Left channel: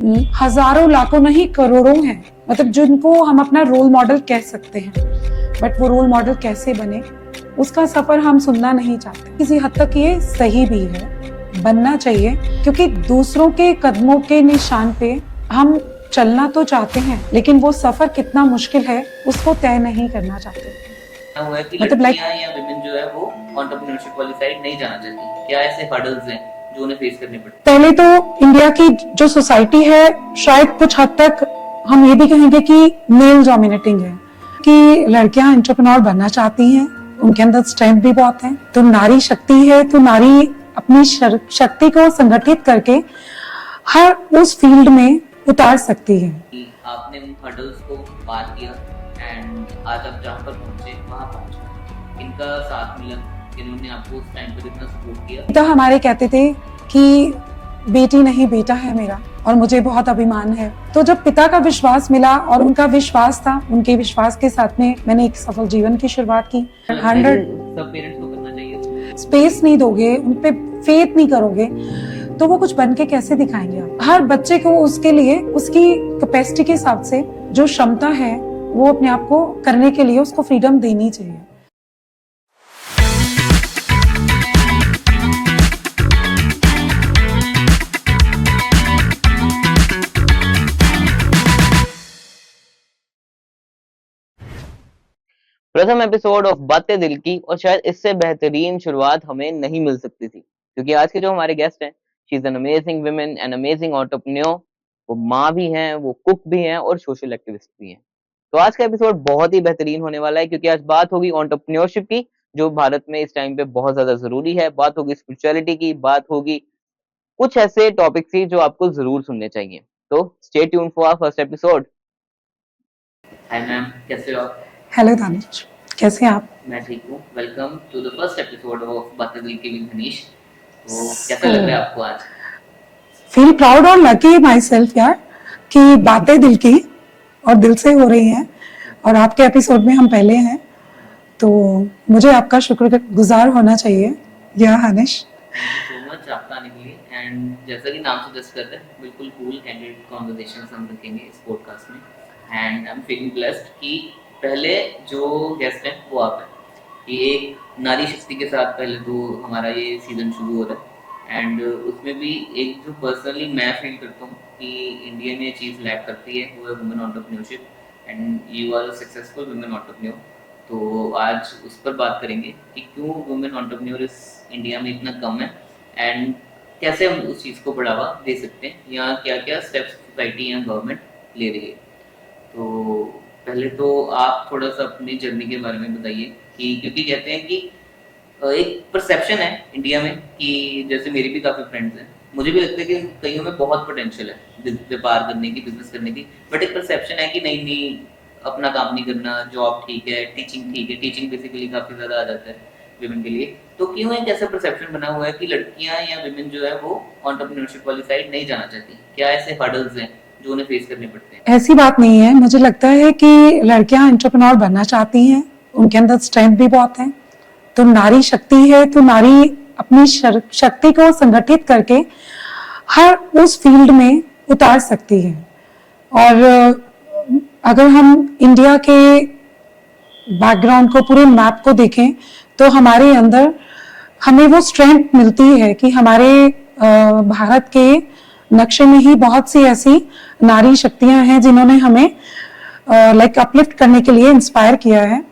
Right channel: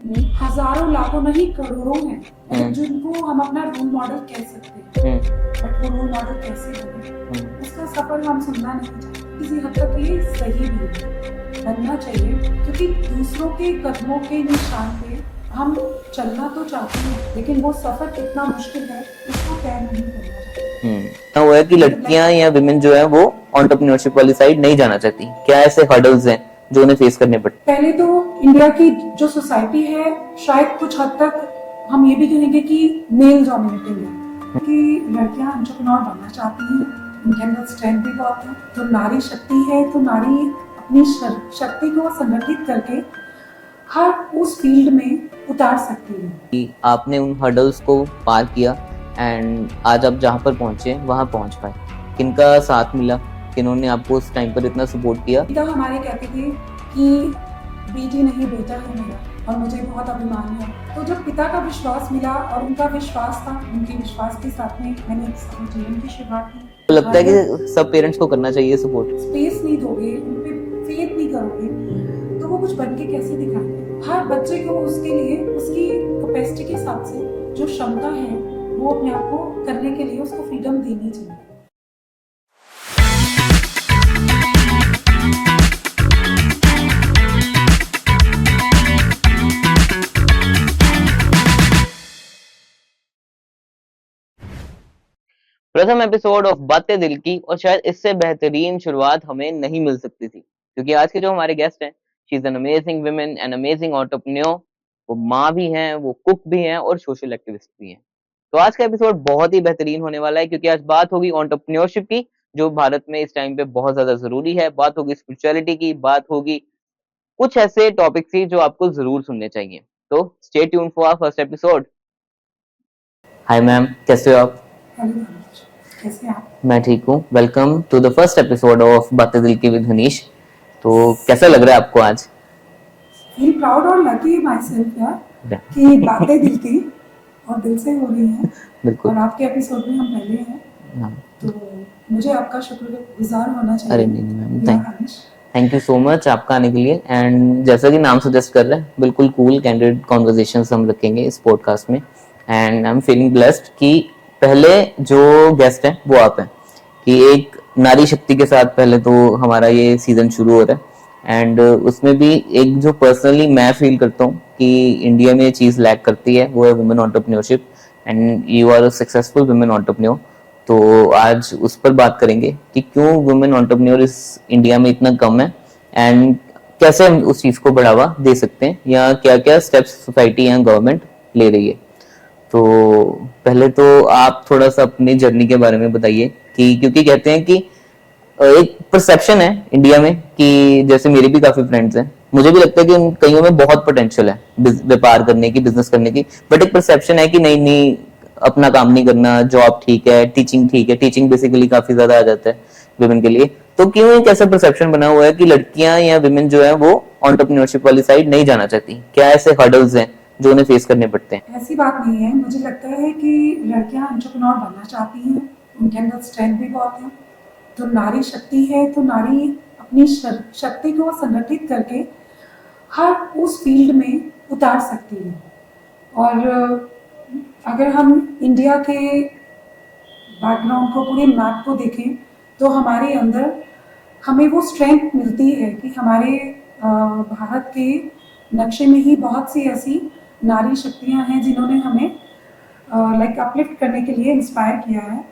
हजारों लाखों नहीं करोड़ों हैं, मतलब जिनको हम अपना रोल मॉडल कह सकते हैं, बट वो रोल मॉडल कैसे बने उसका सफर हम सुनना नहीं चाहते। किसी हद तक ये सही भी है, बनना चाहिए, क्योंकि दूसरों के कदमों के निशान पे हम चलना तो चाहते हैं, लेकिन वो सफर कितना मुश्किल है उसको तय नहीं करना चाहते। वो है कि लड़कियां या विमेन जो है वो एंटरप्रेन्योरशिप वाली साइड नहीं जाना चाहती। क्या ऐसे हर्डल्स हैं जो उन्हें फेस करने पड़ते? पहले तो इंडिया की जो सोसाइटी है शायद कुछ हद तक हम ये भी कहेंगे कि मेल डोमिनेटिंग है, कि लड़कियां एंटरप्रेन्योर बनना चाहती हैं, उनके अंदर स्ट्रेंथ भी बहुत है। तो नारी शक्ति है, तो नारी अपनी शक्ति को संगठित करके हर उस फील्ड में उतार सकती है। कि आपने उन हर्डल्स को पार किया एंड आज आप जहाँ पर पहुंचे वहां पहुंच पाए। किनका साथ मिला, किन्होंने आपको उस टाइम पर इतना सपोर्ट किया? पिता हमारे कहते थे कि बेटी नहीं बेटा है मेरा, और मुझे बहुत अभिमान है। तो जब पिता का विश्वास मिला और उनका विश्वास था, उनके विश्वास के साथ में मैंने एक सफल जीवन की शुरुआत की। तो लगता है कि सब पेरेंट्स को करना चाहिए सपोर्ट। स्पेस नहीं दोगे, उन पे फेथ नहीं करोगे, तो वो कुछ बन के कैसे दिखाएंगे? हर बच्चे को उसके लिए उसकी कैपेसिटी के हिसाब से जो क्षमता है वो अपने आप को करने के लिए उसको फ्रीडम देनी चाहिए। प्रथम एपिसोड ऑफ बातें दिल की, और शायद इससे बेहतरीन शुरुआत हमें नहीं मिल सकती थी, क्योंकि आज के जो हमारे गेस्ट हैं, she is an amazing woman, an amazing entrepreneur. वो माँ भी हैं, वो कुक भी हैं और सोशल एक्टिविस्ट भी हैं। तो आज का एपिसोड बहुत ही बेहतरीन होने वाला है, क्योंकि आज बात होगी एंटरप्रेन्योरशिप की, जो भारत में इस टाइम पे बहुत ज्यादा जरूरी है। बात होगी स्पिरिचुअलिटी की, बात होगी कुछ ऐसे टॉपिक्स की जो आपको जरूर सुनने चाहिए। तो stay tune for our first episode. Hi ma'am, कैसे हो आप? हेलो दानिश, कैसे हैं आप? मैं ठीक हूँ। Welcome to the first episode of Baatein Dil की विद हनीश। तो कैसा लग रहा है आपको आज? फील प्राउड और लकी माई सेल्फ यार, कि बातें दिल की और दिल से हो रही हैं, और आपके एपिसोड में हम पहले हैं, तो मुझे आपका शुक्रगुजार होना चाहिए या Hanish. Thank you so much आपका आने के लिए। एंड जैसा कि नाम सजेस्ट कर रहे हैं, बिल्कुल कूल कैंडिड कॉन्वर्सेशंस हम रखेंगे इस पॉडकास्ट में। And I am feeling blessed कि पहले जो गेस्ट हैं वो आप हैं, कि एक नारी शक्ति के साथ पहले तो हमारा ये सीजन शुरू हो रहा है। एंड उसमें भी एक जो पर्सनली मैं फील करता हूँ कि इंडिया में ये चीज़ लैक करती है, वो है women entrepreneurship. And you are a successful women entrepreneur. तो आज उस पर बात करेंगे कि क्यों वुमेन एंटरप्रेन्योर इस इंडिया में इतना कम है, एंड कैसे हम उस चीज़ को बढ़ावा दे सकते हैं, या क्या क्या स्टेप्स सोसाइटी या गवर्नमेंट ले रही है। तो पहले तो आप थोड़ा सा अपनी जर्नी के बारे में बताइए, कि क्योंकि कहते हैं कि एक परसेप्शन है इंडिया में कि जैसे मेरे भी काफी फ्रेंड्स हैं, मुझे भी लगता है कि उन कईयों में बहुत पोटेंशियल है व्यापार करने की, बिजनेस करने की, बट एक परसेप्शन है कि नहीं नहीं अपना काम नहीं करना, जॉब ठीक है, टीचिंग ठीक है। टीचिंग बेसिकली काफी ज्यादा आ जाता है विमेन के लिए। तो क्यों एक ऐसा परसेप्शन बना हुआ है कि लड़कियां या विमेन जो है वो एंटरप्रेन्योरशिप वाली साइड नहीं जाना चाहती? क्या ऐसे हर्डल्स हैं जो उन्हें फेस करने पड़ते हैं? ऐसी बात नहीं है, मुझे लगता है कि लड़कियां एंटरप्रेन्योर बनना चाहती हैं, उनके अंदर स्ट्रेंथ भी बहुत है। तो नारी शक्ति है, तो नारी अपनी शक्ति को संगठित करके हर उस फील्ड में उतार सकती है। और अगर हम इंडिया के बैकग्राउंड को, पूरे मैप को देखें, तो हमारे अंदर हमें वो स्ट्रेंथ मिलती है कि हमारे भारत के नक्शे में ही बहुत सी ऐसी नारी शक्तियां हैं जिन्होंने हमें लाइक अपलिफ्ट करने के लिए इंस्पायर किया है।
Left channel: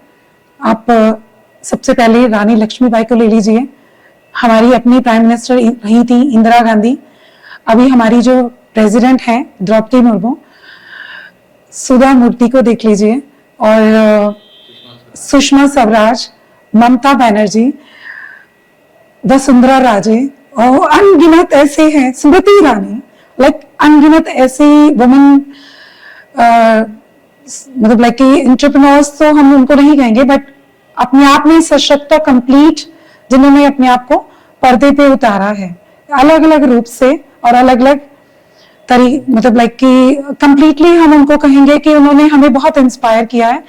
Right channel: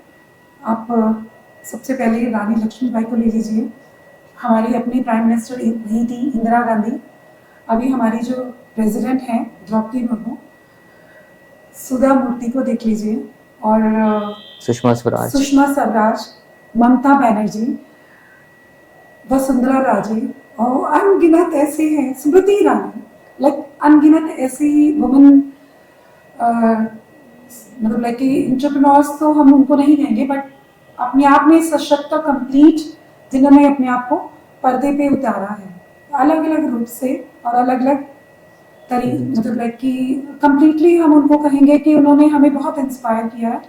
आप सबसे पहले रानी लक्ष्मीबाई को ले लीजिए, हमारी अपनी प्राइम मिनिस्टर रही थी इंदिरा गांधी। अभी हमारी जो प्रेसिडेंट हैं द्रौपदी मुर्मू, सुधा मूर्ति को देख लीजिए, और सुषमा स्वराज, ममता बनर्जी, वसुंधरा राजे, और अनगिनत ऐसे हैं, स्मृति ईरानी, लाइक अनगिनत ऐसी वुमेन, मतलब लाइक एंटरप्रेन्योर्स तो हम उनको नहीं कहेंगे, बट अपने आप में सशक्त और कंप्लीट, जिन्होंने अपने आप को पर्दे पे उतारा है अलग अलग रूप से और अलग अलग मतलब लाइक कि कंप्लीटली हम उनको कहेंगे कि उन्होंने हमें बहुत इंस्पायर किया है।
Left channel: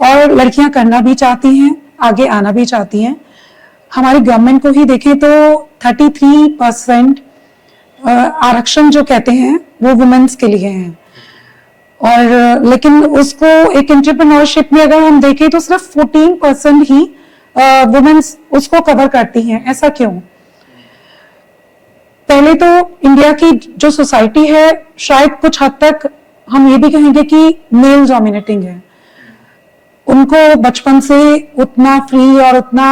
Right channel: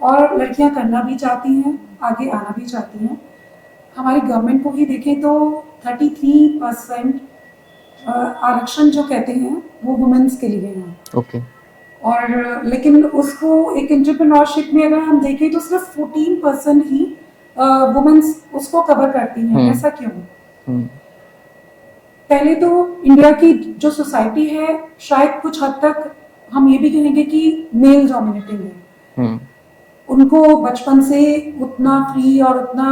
और लड़कियां करना भी चाहती हैं, आगे आना भी चाहती हैं। हमारी गवर्नमेंट को ही देखें तो 33% आरक्षण जो कहते हैं वो वुमेन्स के लिए हैं। ओके। और लेकिन उसको एक एंटरप्रेन्योरशिप में अगर हम देखें तो सिर्फ 14% ही वुमेन्स उसको कवर करती हैं। ऐसा क्यों? पहले तो इंडिया की जो सोसाइटी है शायद कुछ हद तक हम ये भी कहेंगे कि मेल डोमिनेटिंग है। उनको बचपन से उतना फ्री और उतना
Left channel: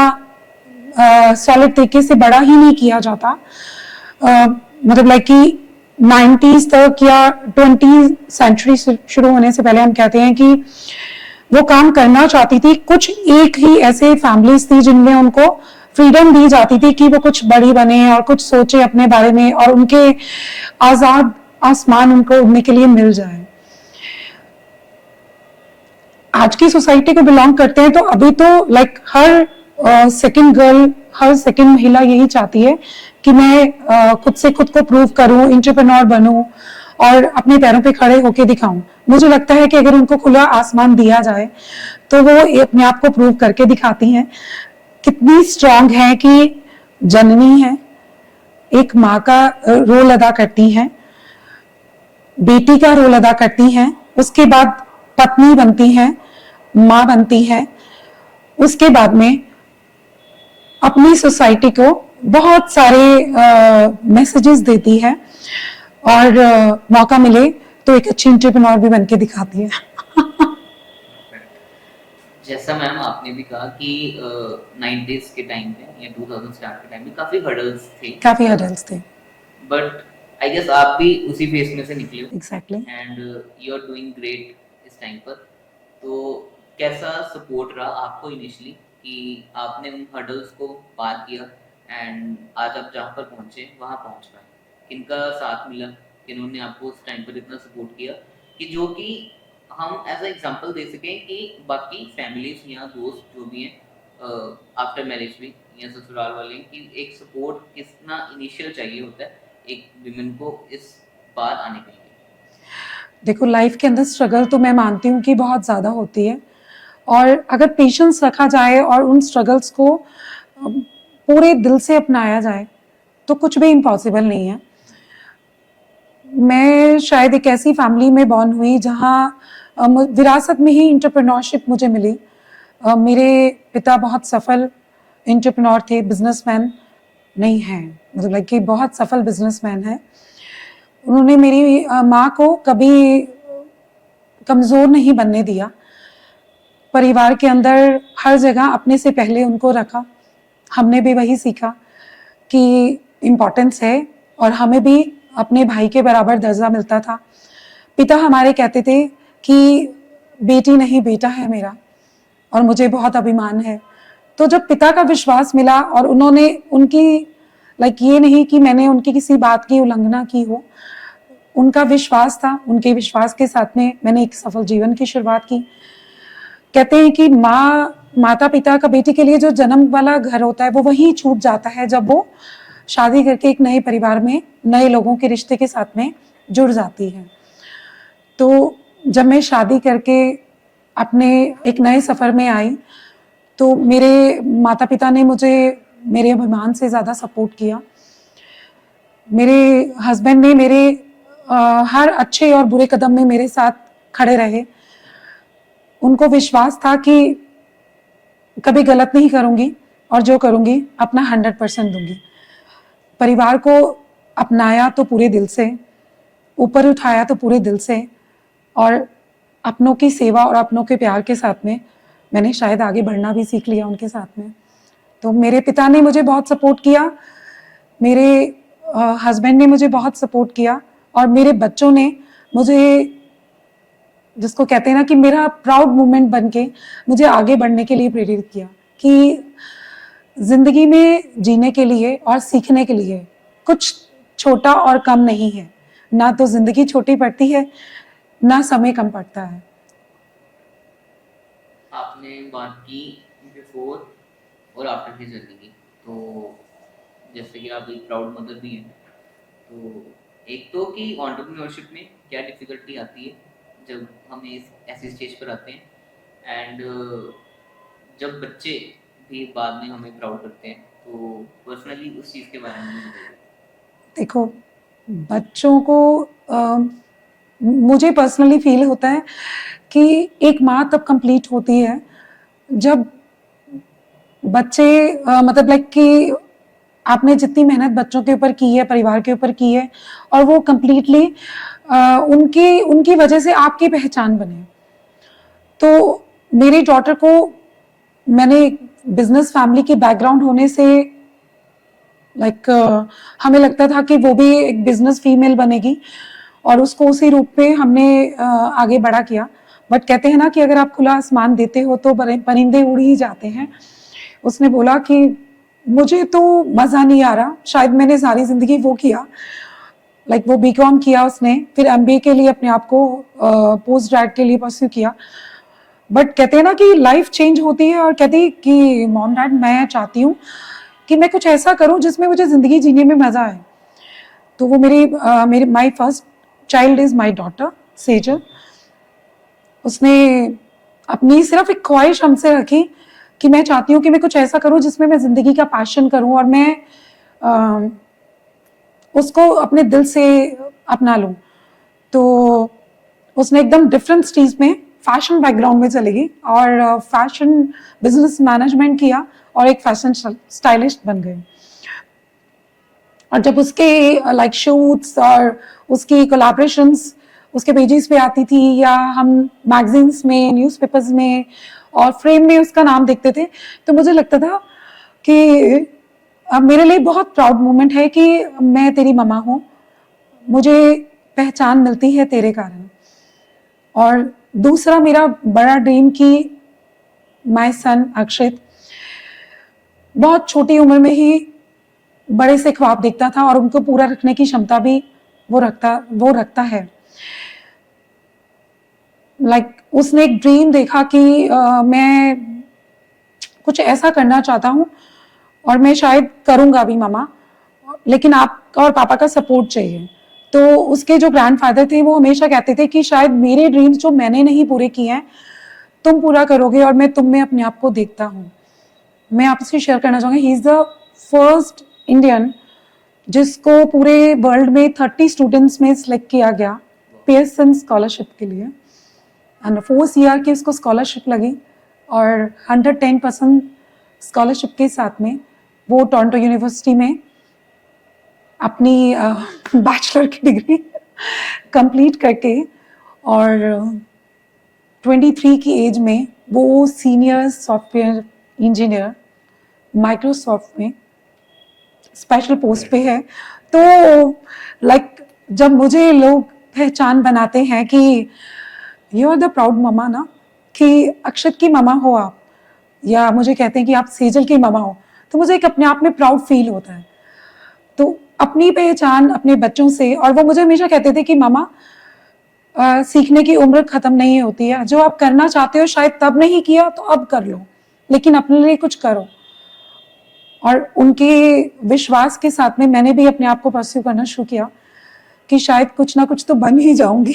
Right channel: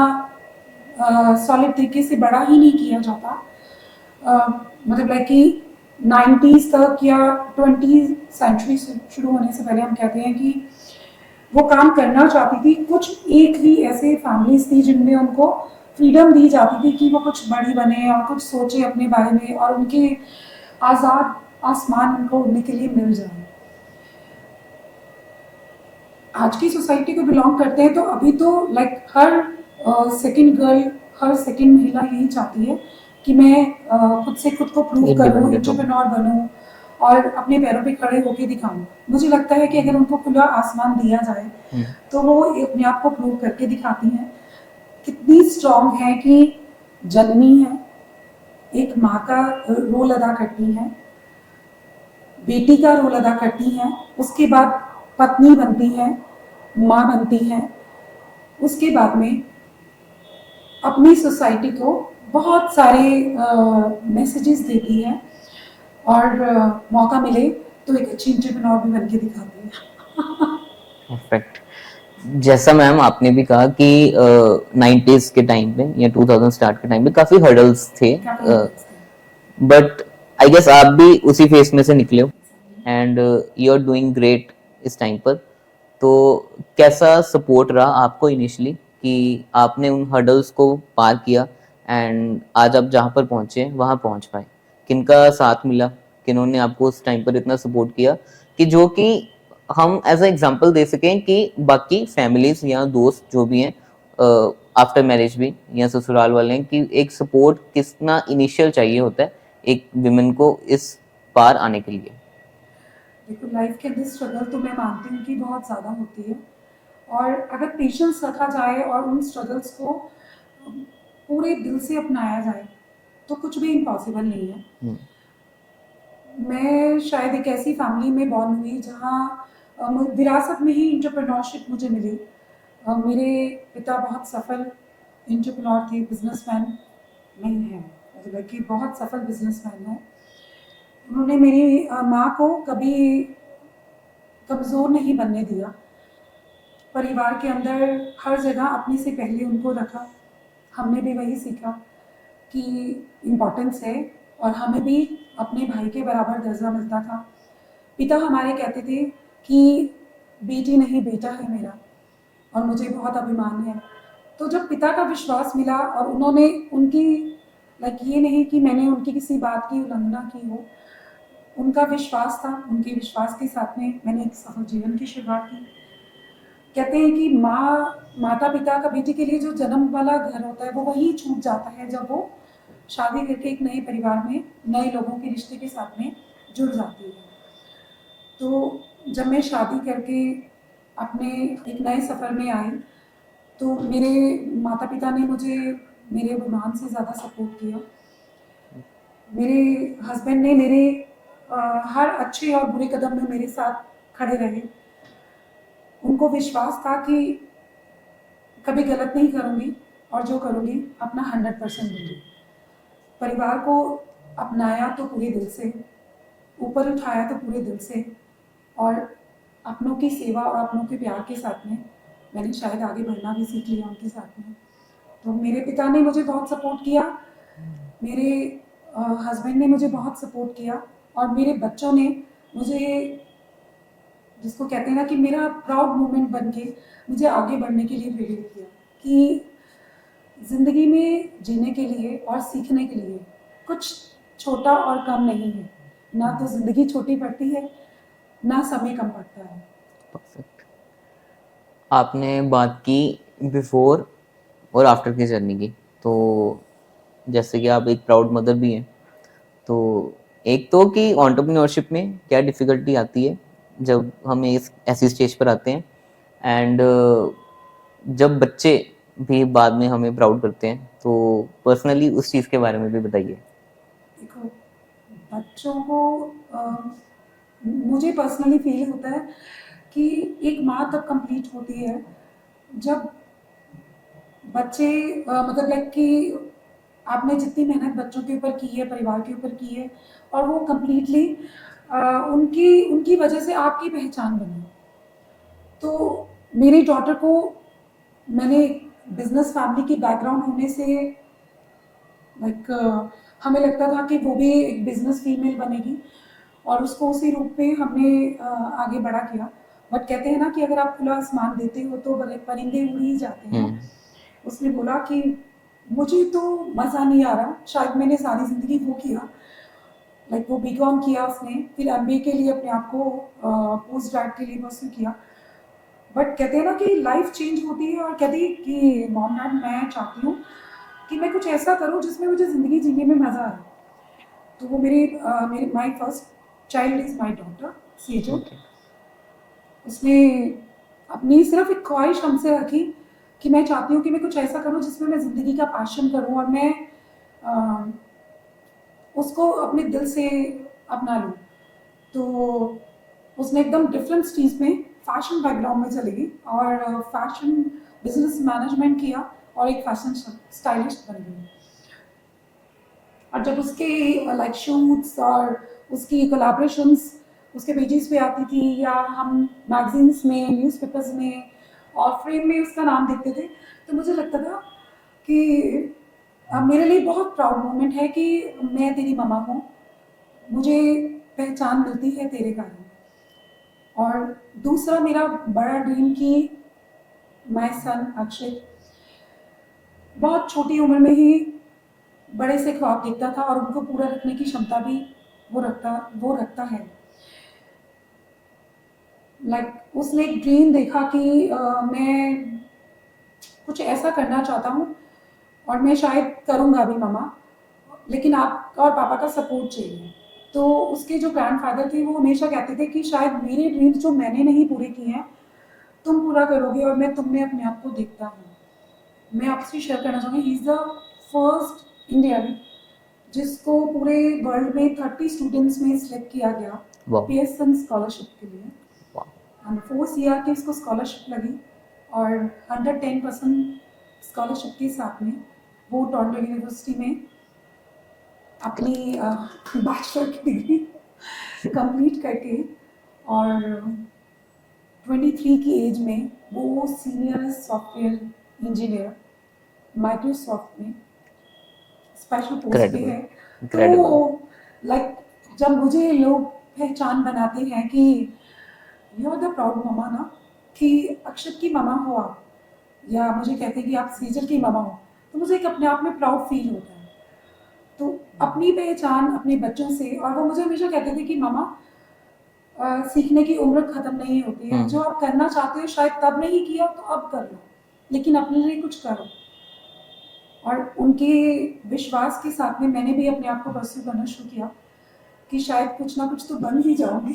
सॉलिड तरीके से बड़ा ही नहीं किया जाता। मतलब लाइक कि 90s तक या 20 सेंचुरी शुरू होने से पहले हम कहते हैं कि वो काम करना चाहती थी। कुछ एक ही ऐसे फैमिलीज थी जिनमें उनको फ्रीडम दी जाती थी कि वो कुछ बड़ी बने और कुछ सोचे अपने बारे में और उनके आजाद आसमान उनको उड़ने के लिए मिल जाए। आज की सोसाइटी को बिलोंग करते हैं तो अभी तो लाइक हर सेकंड गर्ल, हर सेकंड महिला यही चाहती है कि मैं खुद से खुद को प्रूव करूं, एंटरप्रेन्योर बनूं और अपने पैरों पे खड़े होके दिखाऊं। मुझे लगता है कि अगर उनको खुला आसमान दिया जाए तो वो अपने आप को प्रूव करके दिखाती हैं कितनी स्ट्रांग है, कि जननी है, एक माँ का रोल अदा करती हैं, बेटी का रोल अदा करती हैं, उसके बाद पत्नी बनती हैं, माँ बनती हैं, उसके बाद में अपनी सोसाइटी को बहुत सारे मैसेजेस देती है और मौका मिले तो एक अच्छी एंटरप्रेन्योर भी बन के दिखाती है। परफेक्ट। जैसा मैम आपने भी कहा कि 90s के टाइम पे या 2000 स्टार्ट के टाइम पे काफी हर्डल्स थे, बट आई गेस आप भी उसी फेस में से निकले हो। Exactly. And you are doing great इस टाइम पर। तो कैसा सपोर्ट रहा आपको इनिशियली कि आपने उन हर्डल्स को पार किया एंड आज आप जहाँ पर पहुंचे वहाँ पहुंच पाए? किनका साथ मिला, किन्होंने आपको उस टाइम पर इतना सपोर्ट किया कि जो कि हम एज अ एग्जांपल दे सकें कि बाकी फैमिलीज या दोस्त जो भी हैं आफ्टर मैरिज भी या ससुराल वाले हैं, कि एक सपोर्ट कितना इनिशियल चाहिए होता है एक विमेन को इस पार आने के लिए? देखो, लाइफ के अंदर स्ट्रगल तो मैं मानती हूँ कि बहुत ज़्यादा होती है और अगर पेशेंस रखा जाए और उन स्ट्रगल्स को पूरे दिल से अपनाया जाए तो कुछ भी इम्पॉसिबल नहीं है। मैं शायद एक ऐसी फैमिली में बॉर्न हुई जहाँ विरासत में ही एंटरप्रेन्योरशिप मुझे मिली। मेरे पिता बहुत सफल एंटरप्रेन्योर थे, बिजनेसमैन नहीं हैं, मतलब लाइक कि बहुत सफल बिजनेसमैन हैं। उन्होंने मेरी माँ को कभी कमज़ोर नहीं बनने दिया। परिवार के अंदर हर जगह अपने से पहले उनको रखा। हमने भी वही सीखा कि इम्पोर्टेंस है और हमें भी अपने भाई के बराबर दर्जा मिलता था। पिता हमारे कहते थे कि बेटी नहीं बेटा है मेरा और मुझे बहुत अभिमान है। तो जब पिता का विश्वास मिला और उन्होंने उनकी लाइक ये नहीं कि मैंने उनकी किसी बात की उल्लंघना की हो, उनका विश्वास था, उनके विश्वास के साथ में मैंने एक सफल जीवन की शुरुआत की। कहते हैं कि माता पिता का बेटी के लिए जो जन्म वाला घर होता है वो वही छूट जाता है जब वो शादी करके एक नए परिवार में नए लोगों के रिश्ते के साथ में जुड़ जाती है। तो जब मैं शादी करके अपने एक नए सफ़र में आई तो मेरे माता पिता ने मुझे मेरे अभिमान से ज़्यादा सपोर्ट किया। मेरे हस्बैंड ने मेरे हर अच्छे और बुरे कदम में मेरे साथ खड़े रहे। उनको विश्वास था कि कभी गलत नहीं करूँगी और जो करूँगी अपना 100% दूंगी। परिवार को अपनाया तो पूरे दिल से, ऊपर उठाया तो पूरे दिल से और अपनों की सेवा और अपनों के प्यार के साथ में मैंने शायद आगे बढ़ना भी सीख लिया उनके साथ में। तो मेरे पिता ने मुझे बहुत सपोर्ट किया, मेरे हस्बैंड ने मुझे बहुत सपोर्ट किया और मेरे बच्चों ने मुझे, जिसको कहते हैं ना कि मेरा प्राउड मोमेंट बन के मुझे आगे बढ़ने के लिए प्रेरित किया कि जिंदगी में जीने के लिए और सीखने के लिए कुछ छोटा और कम नहीं है। ना तो जिंदगी छोटी पड़ती है, ना समय कम पड़ता है। आपने बात की बिफोर और आफ्टर की जर्नी की, तो जैसे कि आप एक प्राउड मदर भी हैं, तो एक तो कि एंटरप्रेन्योरशिप में क्या डिफ़िकल्टी आती है जब हम इस ऐसी स्टेज पर आते हैं एंड जब बच्चे भी बाद में हमें प्राउड करते हैं, तो पर्सनली उस चीज़ के बारे में भी बताइए। देखो, बच्चों को मुझे पर्सनली फील होता है कि एक माँ तब कंप्लीट होती है जब बच्चे मतलब लाइक कि आपने जितनी मेहनत बच्चों के ऊपर की है, परिवार के ऊपर की है, और वो कंप्लीटली उनकी उनकी वजह से आपकी पहचान बने। तो मेरी डॉटर को मैंने बिजनेस फैमिली की बैकग्राउंड होने से लाइक हमें लगता था कि वो भी एक बिजनेस फीमेल बनेगी, और उसको उसी रूप में हमने आगे बड़ा किया। बट कहते हैं ना कि अगर आप खुला आसमान देते हो तो परिंदे उड़ ही जाते हैं। उसने बोला कि मुझे तो मज़ा नहीं आ रहा, शायद मैंने सारी ज़िंदगी वो किया, लाइक वो बीकॉम किया उसने, फिर एमबीए के लिए अपने आप को पोस्ट ग्रेड के लिए परस्यू किया। बट कहते हैं ना कि लाइफ चेंज होती है, और कहती कि मॉम डैड मैं चाहती हूँ कि मैं कुछ ऐसा करूँ जिसमें मुझे ज़िंदगी जीने में मज़ा आए। तो वो मेरी my first child is my daughter Sejal. उसने अपनी सिर्फ एक ख्वाहिश हमसे रखी कि मैं चाहती हूँ कि मैं कुछ ऐसा करूँ जिसमें मैं ज़िंदगी का पैशन करूँ, और मैं उसको अपने दिल से अपना लूँ। तो उसने एकदम डिफरेंट स्ट्रीम्स में फैशन बैकग्राउंड में चली गई, और फैशन बिजनेस मैनेजमेंट किया, और एक फैशन स्टाइलिस्ट बन गई। और जब उसके लाइक शूट्स और उसकी कोलैबोरेशंस उसके पेजेस पे आती थी, या हम मैगजीन्स में, न्यूज़पेपर्स में और फ्रेम में उसका नाम देखते थे, तो मुझे लगता था कि अब मेरे लिए बहुत प्राउड मोमेंट है कि मैं तेरी ममा हूँ, मुझे पहचान मिलती है तेरे कारण। और दूसरा मेरा बड़ा ड्रीम कि माय सन अक्षित बहुत छोटी उम्र में ही बड़े से ख्वाब देखता था, और उनको पूरा रखने की क्षमता भी वो रखता है। लाइक उसने एक ड्रीम देखा कि मैं कुछ ऐसा करना चाहता हूँ, और मैं शायद करूँगा भी ममा, लेकिन आप और पापा का सपोर्ट चाहिए। तो उसके जो ग्रैंडफादर थे वो हमेशा कहते थे कि शायद मेरे ड्रीम्स जो मैंने नहीं पूरे किए हैं तुम पूरा करोगे, और मैं तुम में अपने आप को देखता हूँ। मैं आपसे शेयर करना चाहूँगी, he is the first Indian जिसको पूरे वर्ल्ड में 30 स्टूडेंट्स में सिलेक्ट किया गया पियर्सन स्कॉलरशिप के लिए, एंड 4 ईयर की उसको स्कॉलरशिप लगी, और 110% स्कॉलरशिप के साथ में वो टोरंटो यूनिवर्सिटी में अपनी बैचलर की डिग्री कंप्लीट करके, और 23 की एज में वो सीनियर सॉफ्टवेयर इंजीनियर माइक्रोसॉफ्ट में स्पेशल पोस्ट पे है। तो लाइक जब मुझे लोग पहचान बनाते हैं कि you are the proud mama ना, कि अक्षत की ममा हो आप, या मुझे कहते हैं कि आप सेजल की ममा हो, तो मुझे एक अपने आप में प्राउड फील होता है। तो अपनी पहचान अपने बच्चों से, और वो मुझे हमेशा कहते थे कि मामा सीखने की उम्र खत्म नहीं होती है, जो आप करना चाहते हो शायद तब नहीं किया तो अब कर लो, लेकिन अपने लिए कुछ करो। और उनके विश्वास के साथ में मैंने भी अपने आप को परस्यू करना शुरू किया कि शायद कुछ ना कुछ तो बन ही जाऊंगी।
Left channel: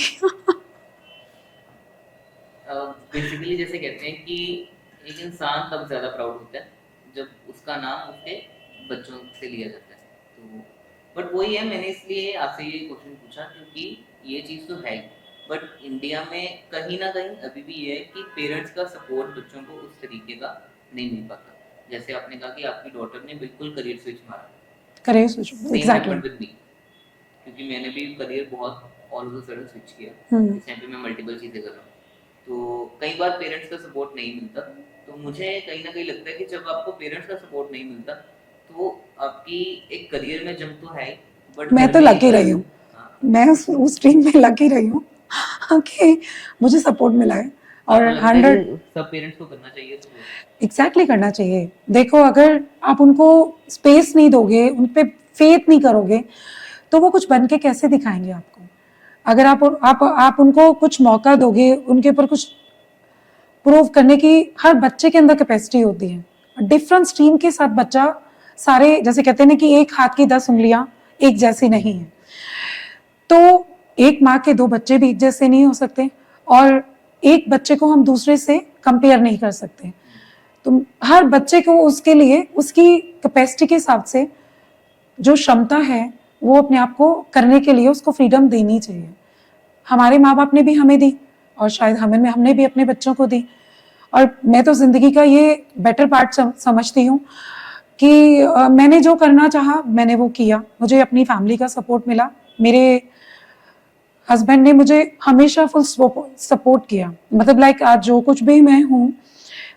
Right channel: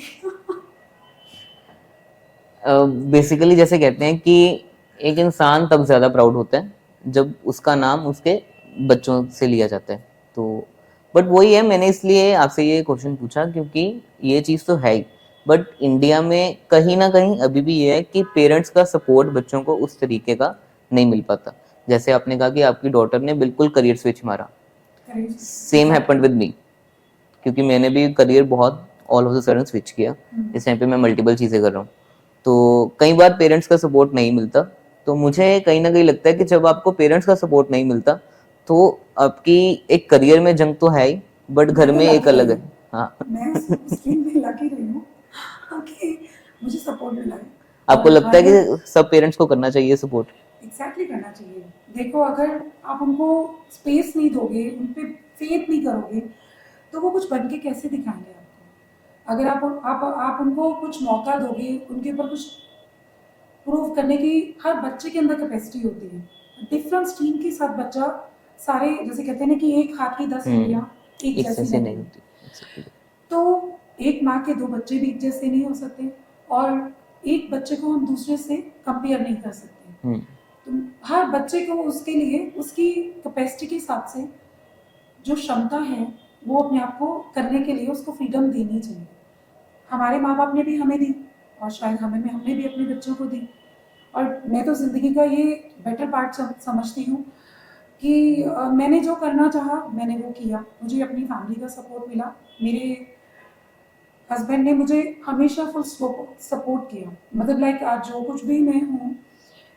बेसिकली जैसे कहते हैं कि एक इंसान तब ज्यादा प्राउड होता है जब उसका नाम उसके बच्चों से लिया जाता है। तो बट वही है, मैंने इसलिए आपसे ये क्वेश्चन पूछा क्योंकि ये चीज़ तो है ही, बट इंडिया में कहीं ना कहीं अभी भी ये है कि पेरेंट्स का सपोर्ट बच्चों को उस तरीके का नहीं मिल पाता। जैसे आपने कहा कि आपकी डॉटर ने बिल्कुल करियर स्विच मारा, सेम हैपेंड विद मी, क्योंकि मैंने भी करियर बहुत all of the sudden switch किया। इस टाइम पे मैं मल्टीपल चीज़ें कर रहा हूँ, तो कई बार पेरेंट्स का सपोर्ट नहीं मिलता। तो मुझे कहीं ना कहीं लगता है कि जब आपको पेरेंट्स का सपोर्ट नहीं मिलता तो आपकी एक करियर में जंग तो है ही, बट घर में एक अलग है। हाँ, मैं उस स्ट्रीम में लगी रही हूँ कि मुझे सपोर्ट मिला है। आपको लगता है कि सब पेरेंट्स को करना चाहिए सपोर्ट? एग्जैक्टली करना चाहिए। देखो, अगर आप उनको स्पेस नहीं दोगे, उन पे फेथ नहीं करोगे, तो वो कुछ बन के कैसे दिखाएंगे आपको? अगर आप उनको कुछ मौका दोगे, उनके ऊपर कुछ प्रूव करने की हर बच्चे के अंदर कैपेसिटी होती है। डिफरेंट स्ट्रीम के साथ बच्चा, सारे जैसे कहते हैं ना कि एक हाथ की 10 उंगलियां एक जैसी नहीं है, तो एक माँ के 2 बच्चे भी एक जैसे नहीं हो सकते, और एक बच्चे को हम दूसरे से कंपेयर नहीं कर सकते। तो हर बच्चे को उसके लिए उसकी कैपेसिटी के हिसाब से जो क्षमता है वो अपने आप को करने के लिए उसको फ्रीडम देनी चाहिए। हमारे माँ बाप ने भी हमें दी और शायद हमने भी अपने बच्चों को दी। और मैं तो ज़िंदगी का ये बेटर पार्ट समझती हूँ कि मैंने जो करना चाहा मैंने वो किया। मुझे अपनी फैमिली का सपोर्ट मिला, मेरे हस्बैंड ने मुझे हमेशा फुल सपोर्ट किया। मतलब लाइक आज जो कुछ भी मैं हूँ,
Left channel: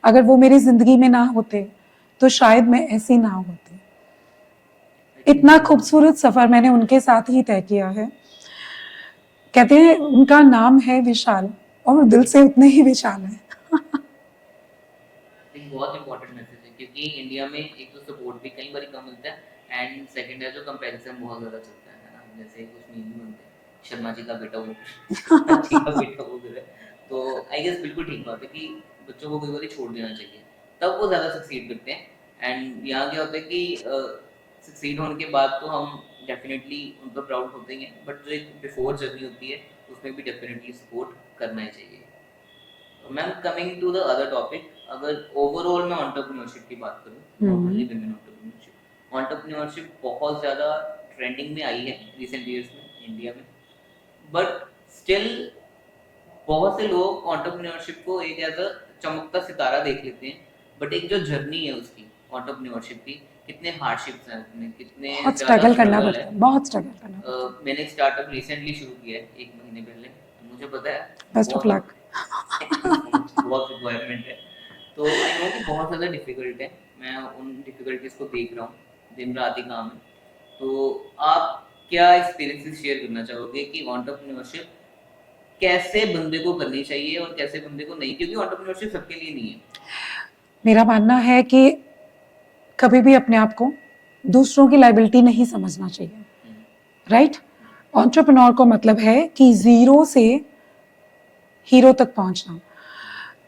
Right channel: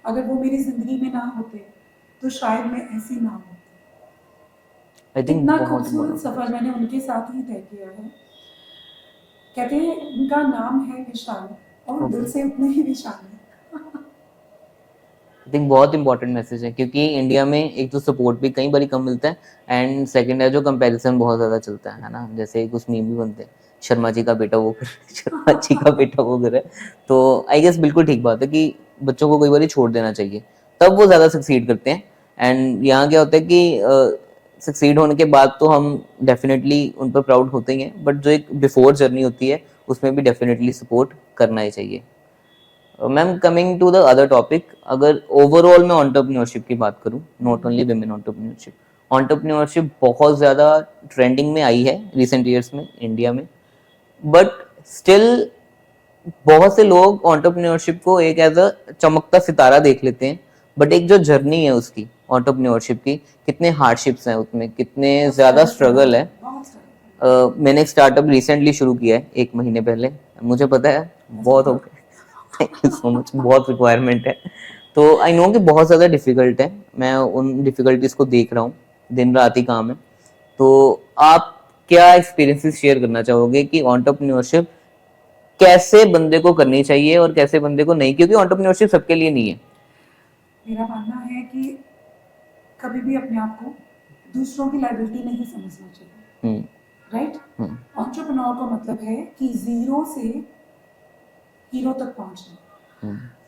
अगर वो मेरी ज़िंदगी में ना होते तो शायद मैं ऐसी ना होती। I think इतना बहुत खूबसूरत सफ़र मैंने उनके साथ ही तय किया है। कहते हैं उनका नाम है विशाल और वो दिल से उतने ही विशाल है। आई थिंक बहुत इंपॉर्टेंट मैसेज है, क्योंकि इंडिया में एक तो सपोर्ट भी कई बार कम मिलता है, एंड सेकंड है जो कंपैरिजन बहुत ज़्यादा चलता है ना। जैसे कुछ मीम भी बनते हैं, शर्मा जी का बेटा वो कर शर्मा जी का बेटा वो करे। तो आई गेस बिल्कुल ठीक बात है कि बच्चों को कई बार छोड़ देना चाहिए, तब वो ज़्यादा सक्सीड करते हैं। एंड यहाँ क्या होता है कि सक्सीड होने के बाद तो हम डेफिनेटली उन पर प्राउड होते ही हैं, बट जो एक बिफोर जर्नी होती है उसमें भी डेफिनेटली सपोर्ट करना ही चाहिए। Ma'am, coming to the other topic, अगर ओवरऑल मैं एंटरप्रेन्योरशिप की बात करूं, नॉट ओनली विमेन एंटरप्रेन्योरशिप बहुत ज़्यादा ट्रेंडिंग में आई है रिसेंट ईयर्स में इंडिया में, बट स्टिल बहुत से लोग एंटरप्रेन्योरशिप को एक एज अ चमकता सितारा देख लेते हैं, बट एक जो जर्नी है उसकी एंटरप्रेन्योरशिप की, कितने हार्डशिप्स हैं उसमें, कितने बहुत ज़्यादा स्ट्रगल करना स्ट्रगल पड़ता है। बहुत स्ट्रगल करना मैंने एक स्टार्टअप रिसेंटली शुरू किया है 1 महीने पहले, मुझे पता है बेस्ट ऑफ बहुत luck. Thank you so much, बहुत रिक्वायरमेंट है। तो आई नो कि बहुत ज़्यादा डिफिकल्ट है, मैं उन डिफिकल्टीज को देख रहा हूँ, दिन रात ही काम है। तो आप क्या एक्सपीरियंसेस शेयर करना चाहोगे कि एंटरप्रेन्योरशिप कैसे बंदे को करनी चाहिए और कैसे बंदे को नहीं, क्योंकि एंटरप्रेन्योरशिप सबके लिए नहीं है। मेरा मानना है कि कभी भी अपने आप को दूसरों की लाइबिलिटी नहीं समझना चाहिए, राइट। एंटरप्रेन्योर को मतलब है कि जीरो से हीरो तक पहुंचना।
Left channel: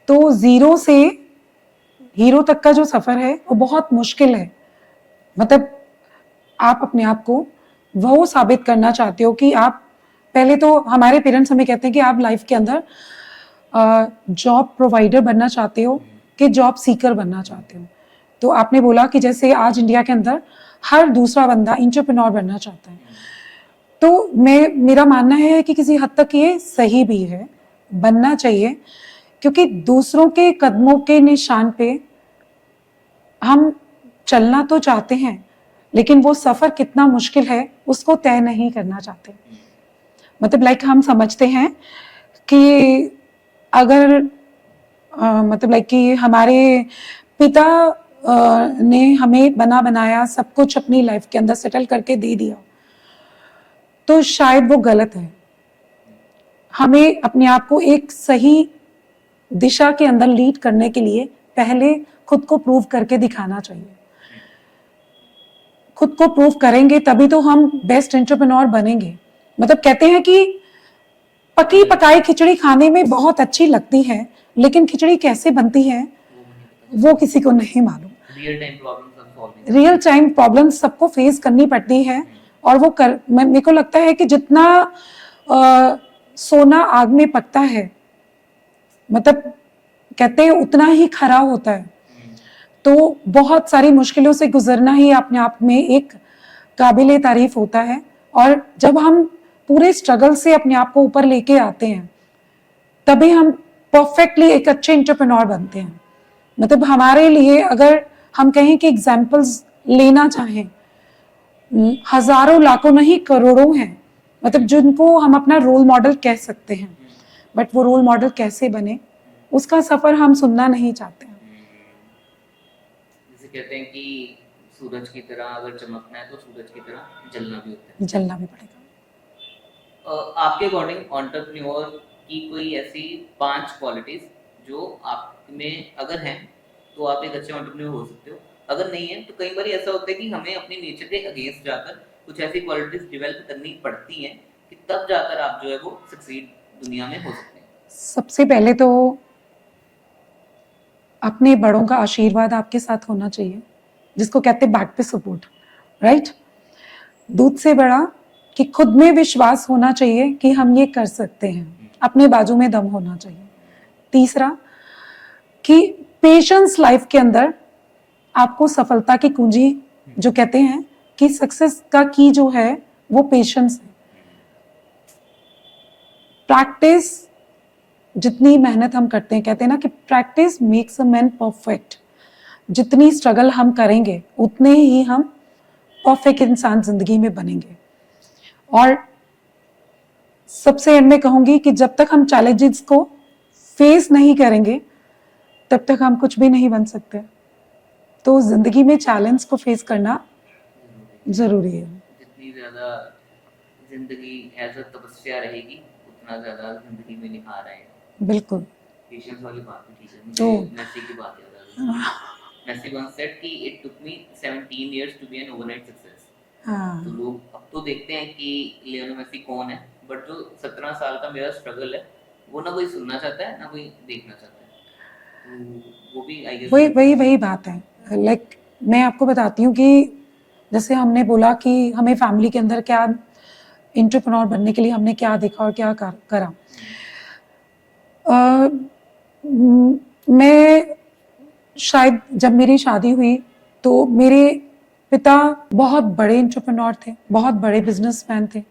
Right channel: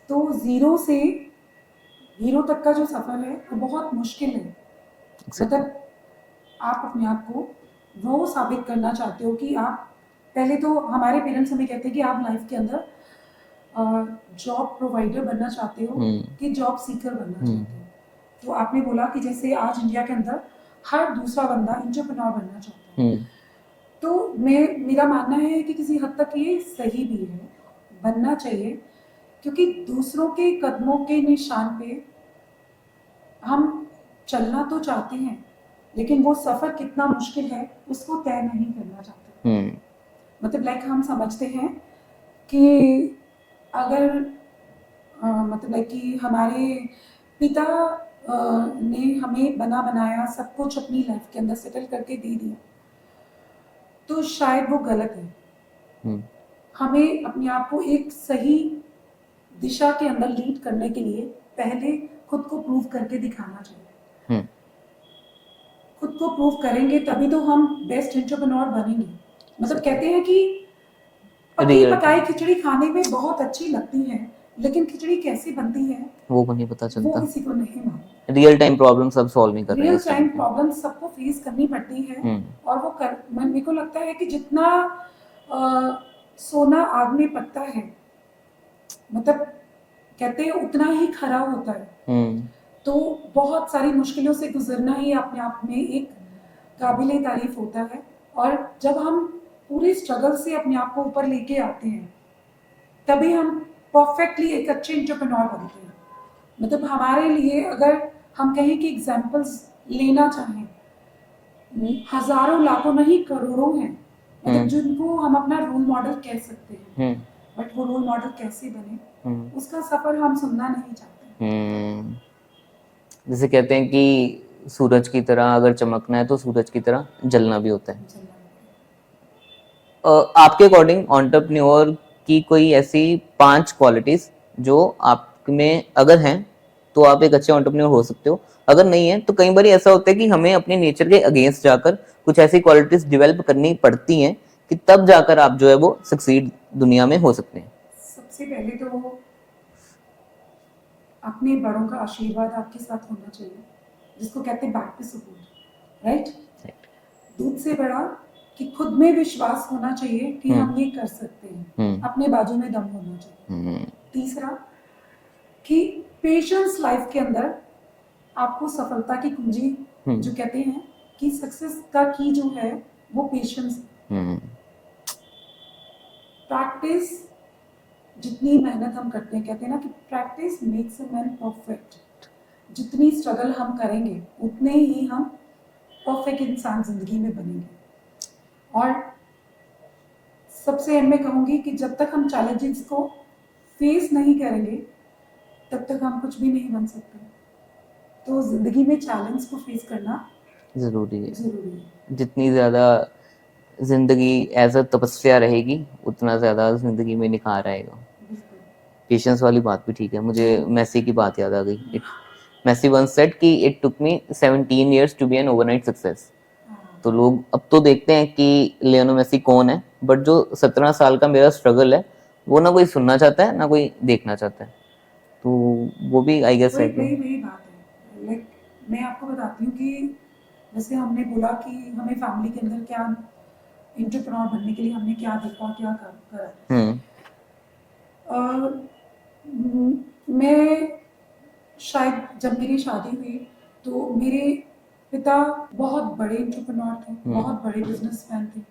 तो जीरो से हीरो तक का जो सफर है वो बहुत मुश्किल है। मतलब आप अपने आप को वो साबित करना चाहते हो कि आप, पहले तो हमारे पेरेंट्स हमें कहते हैं कि आप लाइफ के अंदर जॉब प्रोवाइडर बनना चाहते हो कि जॉब सीकर बनना चाहते हो। तो आपने बोला कि जैसे आज इंडिया के अंदर हर दूसरा बंदा एंटरप्रेन्योर बनना चाहता है। तो मेरा मानना है कि किसी हद तक ये सही भी है, बनना चाहिए, क्योंकि दूसरों के कदमों के निशान पे हम चलना तो चाहते हैं, लेकिन वो सफर कितना मुश्किल है उसको तय नहीं करना चाहते। मतलब लाइक हम समझते हैं कि अगर मतलब लाइक कि हमारे पिता ने हमें बना बनाया सब कुछ अपनी लाइफ के अंदर सेटल करके दे दिया, तो शायद वो गलत है। हमें अपने आप को एक सही दिशा के अंदर लीड करने के लिए पहले खुद को प्रूव करके दिखाना चाहिए। खुद को प्रूव करेंगे तभी तो हम बेस्ट एंटरप्रेन्योर बनेंगे। मतलब कहते हैं कि पकी पकाई खिचड़ी खाने में बहुत अच्छी लगती है, लेकिन खिचड़ी कैसे बनती है वो नहीं पता चलता, वो किसी को नहीं मालूम। रियल टाइम प्रॉब्लम सब सॉल्व नहीं करते, रियल टाइम प्रॉब्लम सबको फेस करनी पड़ती है। और वो मेरे को लगता है कि जितना सोना आग में पकता है, मतलब कहते हैं उतना ही खरा होता है। तो बहुत सारी मुश्किलों से गुजरना ही अपने आप में एक काबिले तारीफ होता है। और जब हम पूरे स्ट्रगल से अपने आप को ऊपर लेके आते हैं, तभी हम परफेक्टली एक अच्छे एंटरप्रेन्योर बनते हैं। मतलब हमारे लिए अगर हम कहें कि एग्जाम्पल्स लेना चाहें, हजारों लाखों नहीं करोड़ों हैं, मतलब जिनको हम अपना रोल मॉडल कह सकते हैं। बट वो रोल मॉडल कैसे बने उसका सफर हम सुनना नहीं चाहते। जैसे कहते हैं कि सूरज की तरह अगर चमकना है तो सूरज की तरह जलना भी होता है, जलना भी पड़ेगा। आपके अकॉर्डिंग एंटरप्रेन्योर की कोई ऐसी 5 क्वालिटीज जो आप में अगर हैं तो आप एक अच्छे एंटरप्रेन्योर हो सकते हो, अगर नहीं है तो कई बार ऐसा होता है कि हमें अपने नेचर के अगेंस्ट जाकर कुछ ऐसी क्वालिटीज डेवलप करनी पड़ती हैं कि तब जाकर आप जो है वो सक्सीड दुनिया में हो सकते हैं। सबसे पहले तो अपने बड़ों का आशीर्वाद आपके साथ होना चाहिए, जिसको कहते हैं बैक पे सपोर्ट, राइट। दूध से बड़ा कि खुद में विश्वास होना चाहिए कि हम ये कर सकते हैं, अपने बाजू में दम होना चाहिए। तीसरा कि पेशेंस लाइफ के अंदर आपको सफलता की कुंजी, जो कहते हैं कि सक्सेस का की जो है वो पेशेंस। प्रैक्टिस, जितनी मेहनत हम करते हैं, कहते हैं ना कि practice makes a man perfect. जितनी स्ट्रगल हम करेंगे उतने ही हम परफेक्ट इंसान जिंदगी में बनेंगे। और सबसे एंड में कहूंगी कि जब तक हम चैलेंजेस को फेस नहीं करेंगे तब तक हम कुछ भी नहीं बन सकते। तो जिंदगी में चैलेंज को फेस करना जरूरी है। जितनी ज्यादा जिंदगी एज अ तपस्या रहेगी उतना ज्यादा जिंदगी में निखार आएगा। बिल्कुल। पेशेंस वाली बात भी ठीक है। मुझे मेसी की बात याद आ गई। मेसी वंस सेड कि it took me 17 years to be an overnight success. तो लोग अब तो देखते हैं कि लियोनेल मेसी कौन है, बट जो 17 साल का मेरा स्ट्रगल है वो ना कोई सुनना चाहता है ना कोई देखना चाहता है। तो वो भी आई गेस वही बात है। लाइक मैं आपको बताती हूँ कि जैसे हमने बोला कि हमें फैमिली के अंदर क्या एंटरप्रेन्योर बनने के लिए हमने क्या देखा और क्या करा। मैं शायद जब मेरी शादी हुई तो मेरे पिता बहुत बड़े एंटरप्रेन्योर थे, बहुत बड़े बिजनेसमैन थे।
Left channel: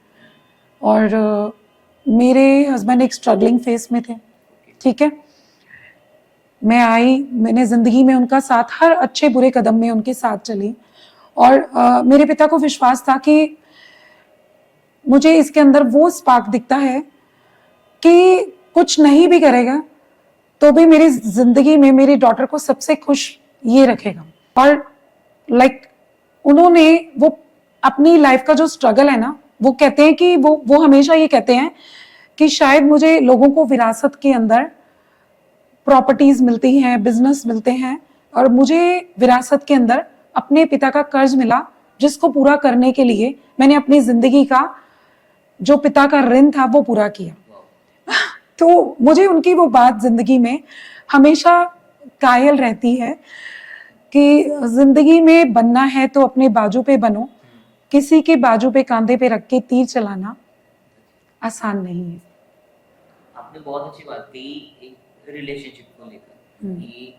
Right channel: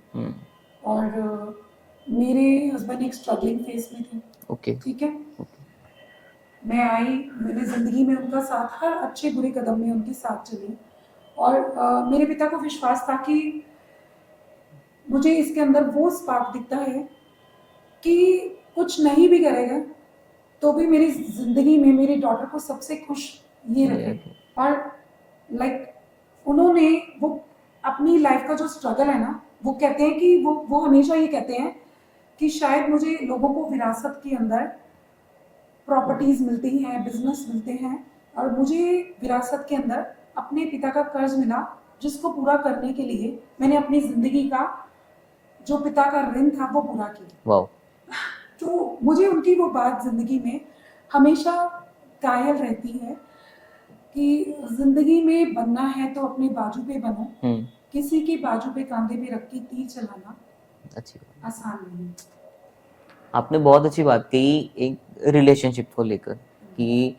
और मेरे हस्बैंड एक स्ट्रगलिंग फेस में थे। ठीक है। मैं आई, मैंने जिंदगी में उनका साथ, हर अच्छे बुरे कदम में उनके साथ चली। और मेरे पिता को विश्वास था कि मुझे इसके अंदर वो स्पार्क दिखता है कि कुछ नहीं भी करेगा तो भी मेरी जिंदगी में मेरी डॉटर को सबसे खुश ये रखेगा। और लाइक उन्होंने वो अपनी लाइफ का जो स्ट्रगल है ना, वो कहते हैं कि वो हमेशा ये कहते हैं कि शायद मुझे लोगों को विरासत के अंदर प्रॉपर्टीज मिलती हैं, बिजनेस मिलते हैं, और मुझे विरासत के अंदर अपने पिता का कर्ज मिला जिसको पूरा करने के लिए मैंने अपनी जिंदगी का जो पिता का ऋण था वो पूरा किया। वाओ। तो मुझे उनकी वो बात जिंदगी में हमेशा कायल रहती है कि जिंदगी में बनना है तो अपने बाजू पे बनो। किसी के बाजू पे कांधे पे रख के तीर चलाना आसान नहीं है। आपने बहुत अच्छी बात कही एक रिलेशनशिप को लेकर कि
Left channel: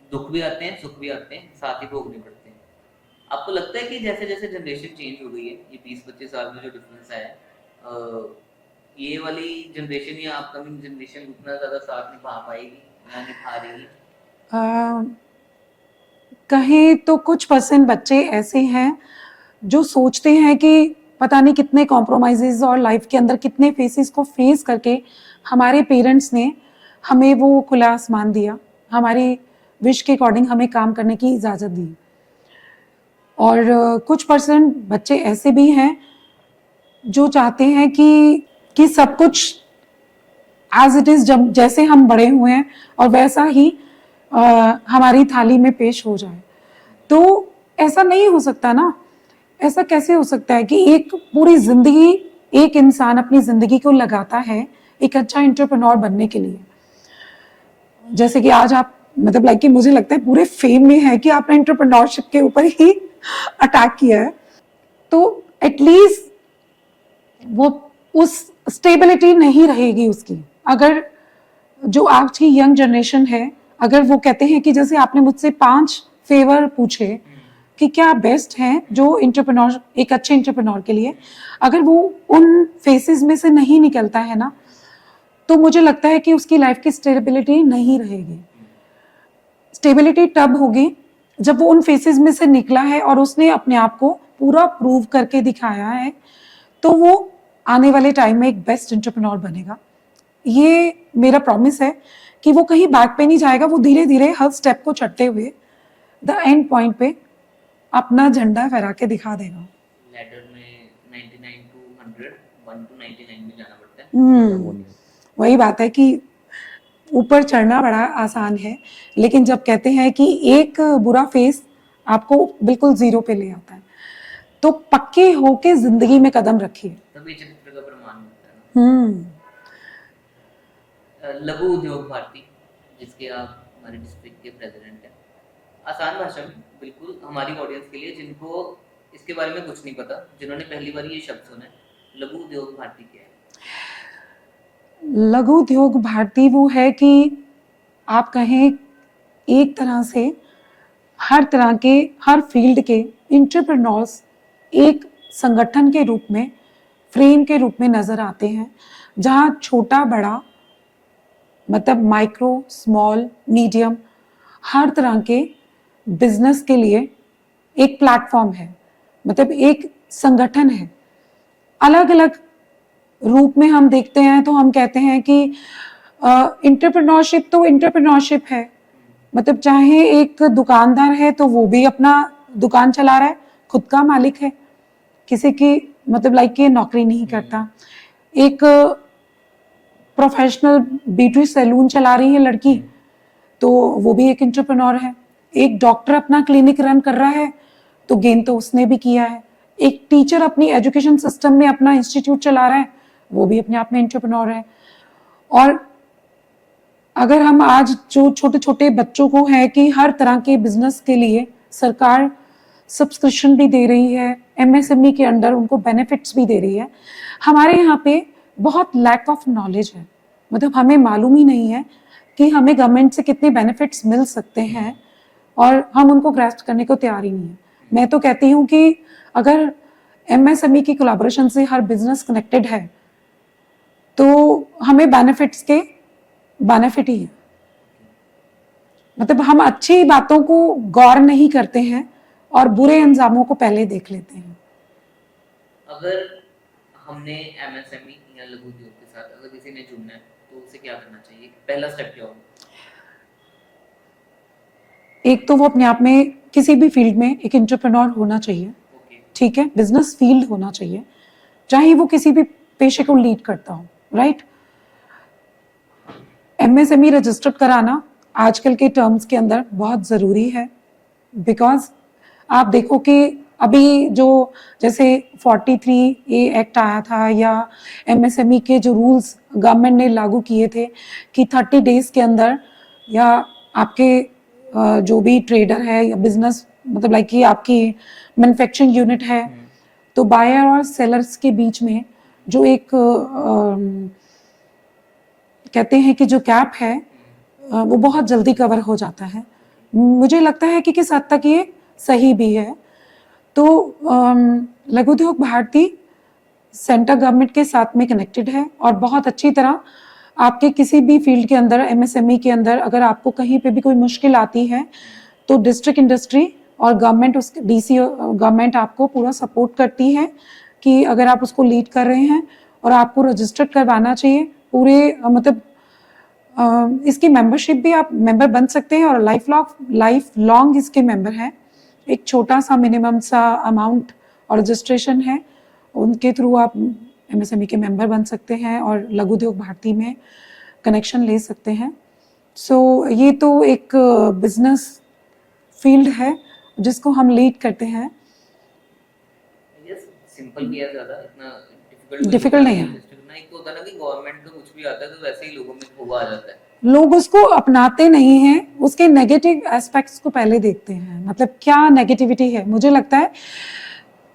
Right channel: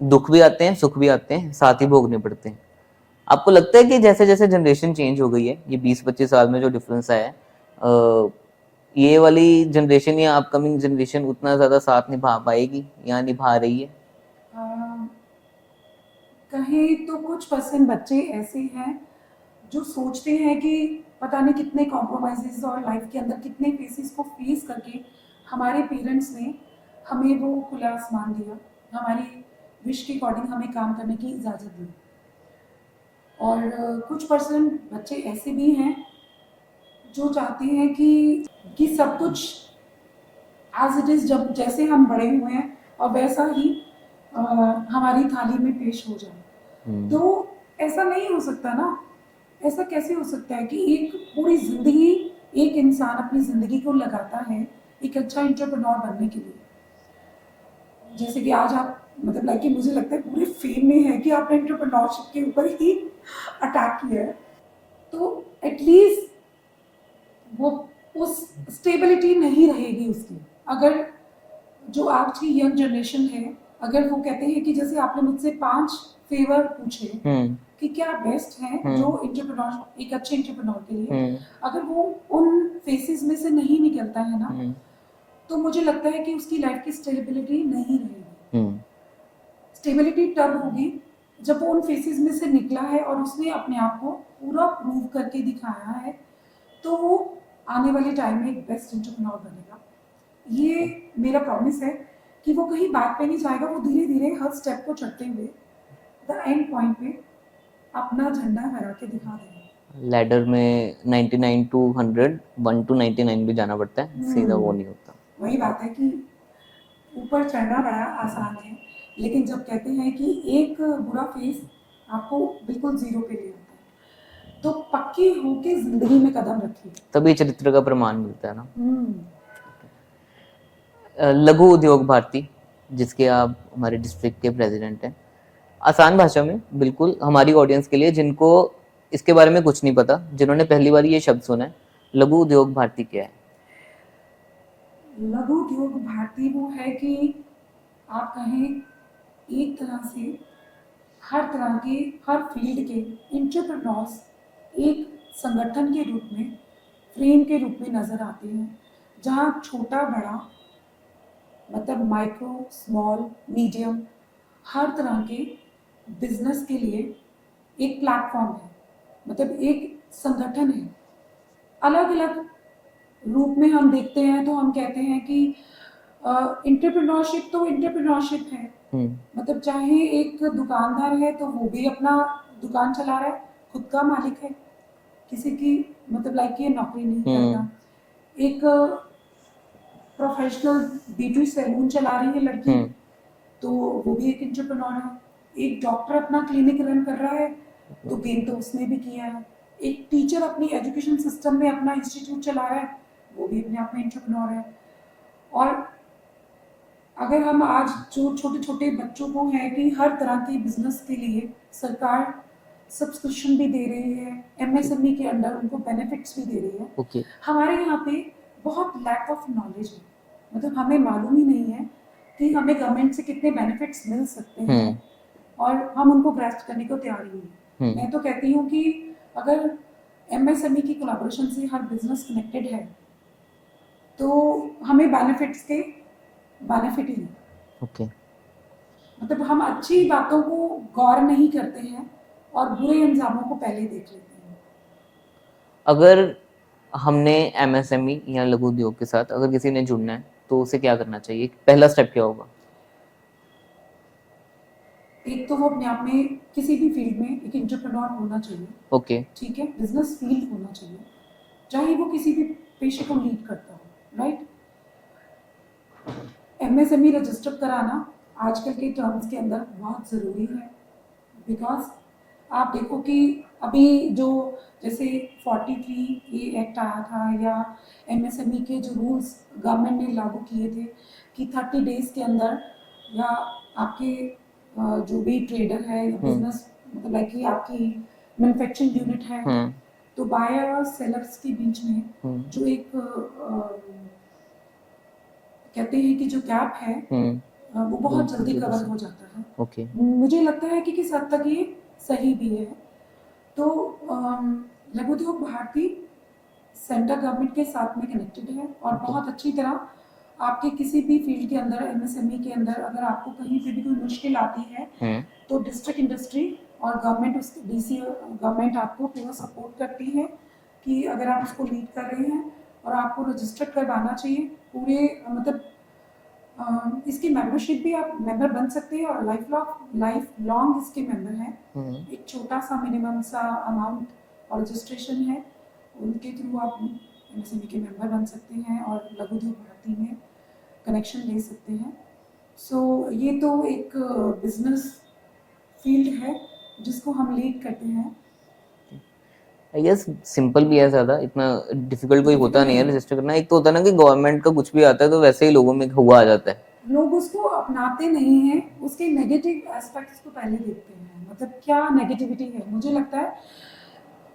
दुख भी आते हैं, सुख भी आते हैं, साथ ही भोगने पड़ते हैं। आपको लगता है कि जैसे जैसे जनरेशन चेंज हो गई है, ये 20-25 साल में जो डिफरेंस आया है, ये वाली जनरेशन या अपकमिंग जनरेशन उतना ज्यादा साथ निभा पाएगी या निभा रही है? कहीं तो कुछ % बच्चे ऐसे हैं जो सोचते हैं कि पता नहीं कितने कॉम्प्रोमाइजेस और लाइफ के अंदर कितने फेसेस को फेस करके हमारे पेरेंट्स ने हमें वो खुला आसमान दिया, हमारी विश के अकॉर्डिंग हमें काम करने की इजाज़त दी। और कुछ % बच्चे ऐसे भी हैं जो चाहते हैं कि सब कुछ एज इट इज़, जब जैसे हम बड़े हुए हैं और वैसा ही हमारी थाली में पेश हो जाए। तो ऐसा नहीं हो सकता ना। ऐसा कैसे हो सकता है कि एक पूरी जिंदगी एक इंसान अपनी जिंदगी को लगाता है एक अच्छा एंटरप्रेन्योर बनने के लिए। जैसे कि आज आप, मतलब लाइक कि मुझे लगता है पूरे फेम में है कि आपने एंटरप्रेन्योरशिप के ऊपर ही अटैक किया है। तो एटलीस्ट वो उस स्टेबिलिटी नहीं रहेगी उसकी। अगर जो आज की यंग जनरेशन है, अगर वो कहते हैं कि जैसे आपने मुझसे 5 फेवर पूछे कि क्या बेस्ट है जो एंटरप्रेन्योर, एक अच्छे एंटरप्रेन्योर के लिए, अगर वो उन फेसेस में से नहीं निकलता है ना, तो मुझे लगता है कि उसकी लाइफ की स्टेबिलिटी नहीं रहेगी। स्टेबिलिटी तब होगी जब वो उन फेसेस में से निकला है और उसने अपने आप को पूरा प्रूव करके दिखाया है, तो वो आने वाले टाइम में एक बेस्ट एंटरप्रेन्योर बनेगा। ये मेरा प्रॉमिस है कि वो कहीं बैक पे नहीं जाएगा, वो धीरे धीरे हर स्टेप को चढ़ते हुए द एंड पॉइंट पे अपना झंडा फहरा के दिखा देगा। लैडर में 99 to 100, 1 to 99 भी जाना पड़ता है, सीधा वो नहीं होता। वही बात है कि ऊपर चढ़ना बड़ा आसान है, लेकिन जब कहते हैं कि एक बुरा फेस आपको बिल्कुल 0 पे ले आता है, तो पक्के होके जिंदगी में कदम रखिए, तभी चरित्र का प्रमाण मिलता है ना। लघु उद्योग भारती, जिसके आप हमारे डिस्ट्रिक्ट के प्रेसिडेंट हैं, आसान भाषा में बिल्कुल हमारी ऑडियंस के लिए जिनको इसके बारे में कुछ नहीं पता, जिन्होंने पहली बार ये शब्द सुना है, लघु उद्योग भारती क्या है? लघु उद्योग भारती वो है कि आप कहें एक तरह से हर तरह के, हर फील्ड के एंटरप्रेन्योर्स एक संगठन के रूप में, फ्रेम के रूप में नजर आते हैं, जहाँ छोटा बड़ा मतलब माइक्रो, स्मॉल, मीडियम, हर तरह के बिजनेस के लिए एक प्लेटफॉर्म है, मतलब एक संगठन है। अलग अलग रूप में हम देखते हैं तो हम कहते हैं कि इंटरप्रेन्योरशिप तो इंटरप्रेन्योरशिप है, मतलब चाहे एक दुकानदार है तो वो भी अपना दुकान चला रहा है, खुद का मालिक है, किसी की मतलब लाइक ये नौकरी नहीं करता। एक प्रोफेशनल ब्यूटी सैलून चला रही है लड़की, तो वो भी एक इंटरप्रेन्योर है। एक डॉक्टर अपना क्लिनिक रन कर रहा है तो गेन तो उसने भी किया है। एक टीचर अपनी एजुकेशन सिस्टम में अपना इंस्टीट्यूट चला रहा है, वो भी अपने आप में इंटरप्रेन्योर है। और अगर हम आज जो छोटे छोटे बच्चों को है कि हर तरह के बिजनेस के लिए सरकार सब्सक्रिप्शन भी दे रही है, एमएसएमई के अंडर उनको बेनिफिट्स भी दे रही है। हमारे यहाँ पे बहुत लैक ऑफ नॉलेज है, मतलब हमें मालूम ही नहीं है कि हमें गवर्नमेंट से कितने बेनिफिट्स मिल सकते हैं और हम उनको ग्रास्प करने को तैयार ही नहीं है। मैं तो कहती हूँ कि अगर एमएसएमई की कोलैबोरेशन से हर बिजनेस कनेक्टेड है तो हमें बेनिफिट्स के बेनिफिट ही है। मतलब हम अच्छी बातों को गौर नहीं करते हैं और बुरे अंजामों को पहले देख लेते हैं। अगर हमने एमएसएमई या लघु उद्योग के साथ अगर किसी ने जुड़ना है तो उसे क्या करना चाहिए, पहला स्टेप क्या होगा? एक तो वो अपने आप में किसी भी फील्ड में एक एंटरप्रेन्योर होना चाहिए। ठीक है, बिजनेस फील्ड होना चाहिए, चाहे वो किसी भी पेशे को लीड करता हो, राइट। एमएसएमई रजिस्टर्ड कराना आजकल के टर्म्स के अंदर बहुत ज़रूरी है, बिकॉज आप देखो कि अभी जो जैसे 43A एक्ट आया था या एमएसएमई के जो रूल्स गवर्नमेंट ने लागू किए थे कि 30 डेज के अंदर या आपके जो भी ट्रेडर है या बिजनेस मतलब लाइक कि आपकी मैन्युफैक्चरिंग यूनिट है तो बायर और सेलर्स के बीच में जो एक कहते हैं कि जो गैप है वो बहुत जल्दी कवर हो जाता है। मुझे लगता है कि किस हद तक ये सही भी है। तो लघु उद्योग भारती सेंट्रल गवर्नमेंट के साथ में कनेक्टेड है और बहुत अच्छी तरह आपके किसी भी फील्ड के अंदर एमएसएमई के अंदर अगर आपको कहीं पे भी कोई मुश्किल आती है तो डिस्ट्रिक्ट इंडस्ट्री और गवर्नमेंट उस डीसी गवर्नमेंट आपको पूरा सपोर्ट करती है कि अगर आप उसको लीड कर रहे हैं और आपको रजिस्टर्ड करवाना चाहिए पूरे मतलब इसकी मेंबरशिप भी आप मेंबर बन सकते हैं और लाइफ लॉन्ग इसके मेंबर हैं। एक छोटा सा मिनिमम सा अमाउंट और रजिस्ट्रेशन है, उनके थ्रू आप एमएसएमई के मेंबर बन सकते हैं और लघु उद्योग भारती में कनेक्शन ले सकते हैं। सो ये तो एक बिजनेस फील्ड है जिसको हम लीड करते हैं। यस, सिंपल भी है, ज़्यादा इतना डिफिकल्ट कोई होता नहीं है रजिस्टर करना। एक तो होता है ना कि गवर्नमेंट का कुछ भी आता है तो वैसे ही लोगों में हुआ आ जाता है, लोग उसको अपनाते नहीं हैं, उसके नेगेटिव एस्पेक्ट्स को पहले देखते हैं, मतलब क्या नेगेटिविटी है। मुझे लगता है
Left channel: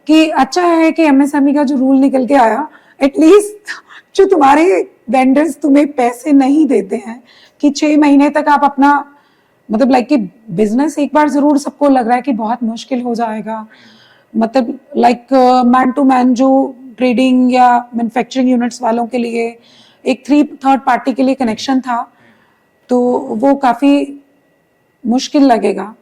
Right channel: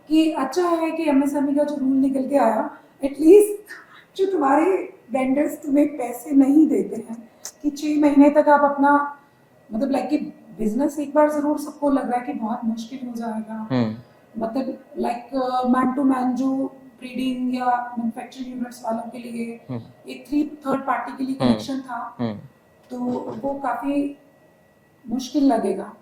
कि अच्छा है कि एमएसएमई का जो रूल निकल के आया, एटलीस्ट जो तुम्हारे वेंडर्स तुम्हें पैसे नहीं देते हैं कि 6 महीने तक आप अपना मतलब लाइक कि बिजनेस एक बार जरूर सबको लग रहा है कि बहुत मुश्किल हो जाएगा, मतलब लाइक मैन टू मैन जो ट्रेडिंग या मैन्युफैक्चरिंग यूनिट्स वालों के लिए एक थर्ड पार्टी के लिए कनेक्शन था तो वो काफी मुश्किल लगेगा,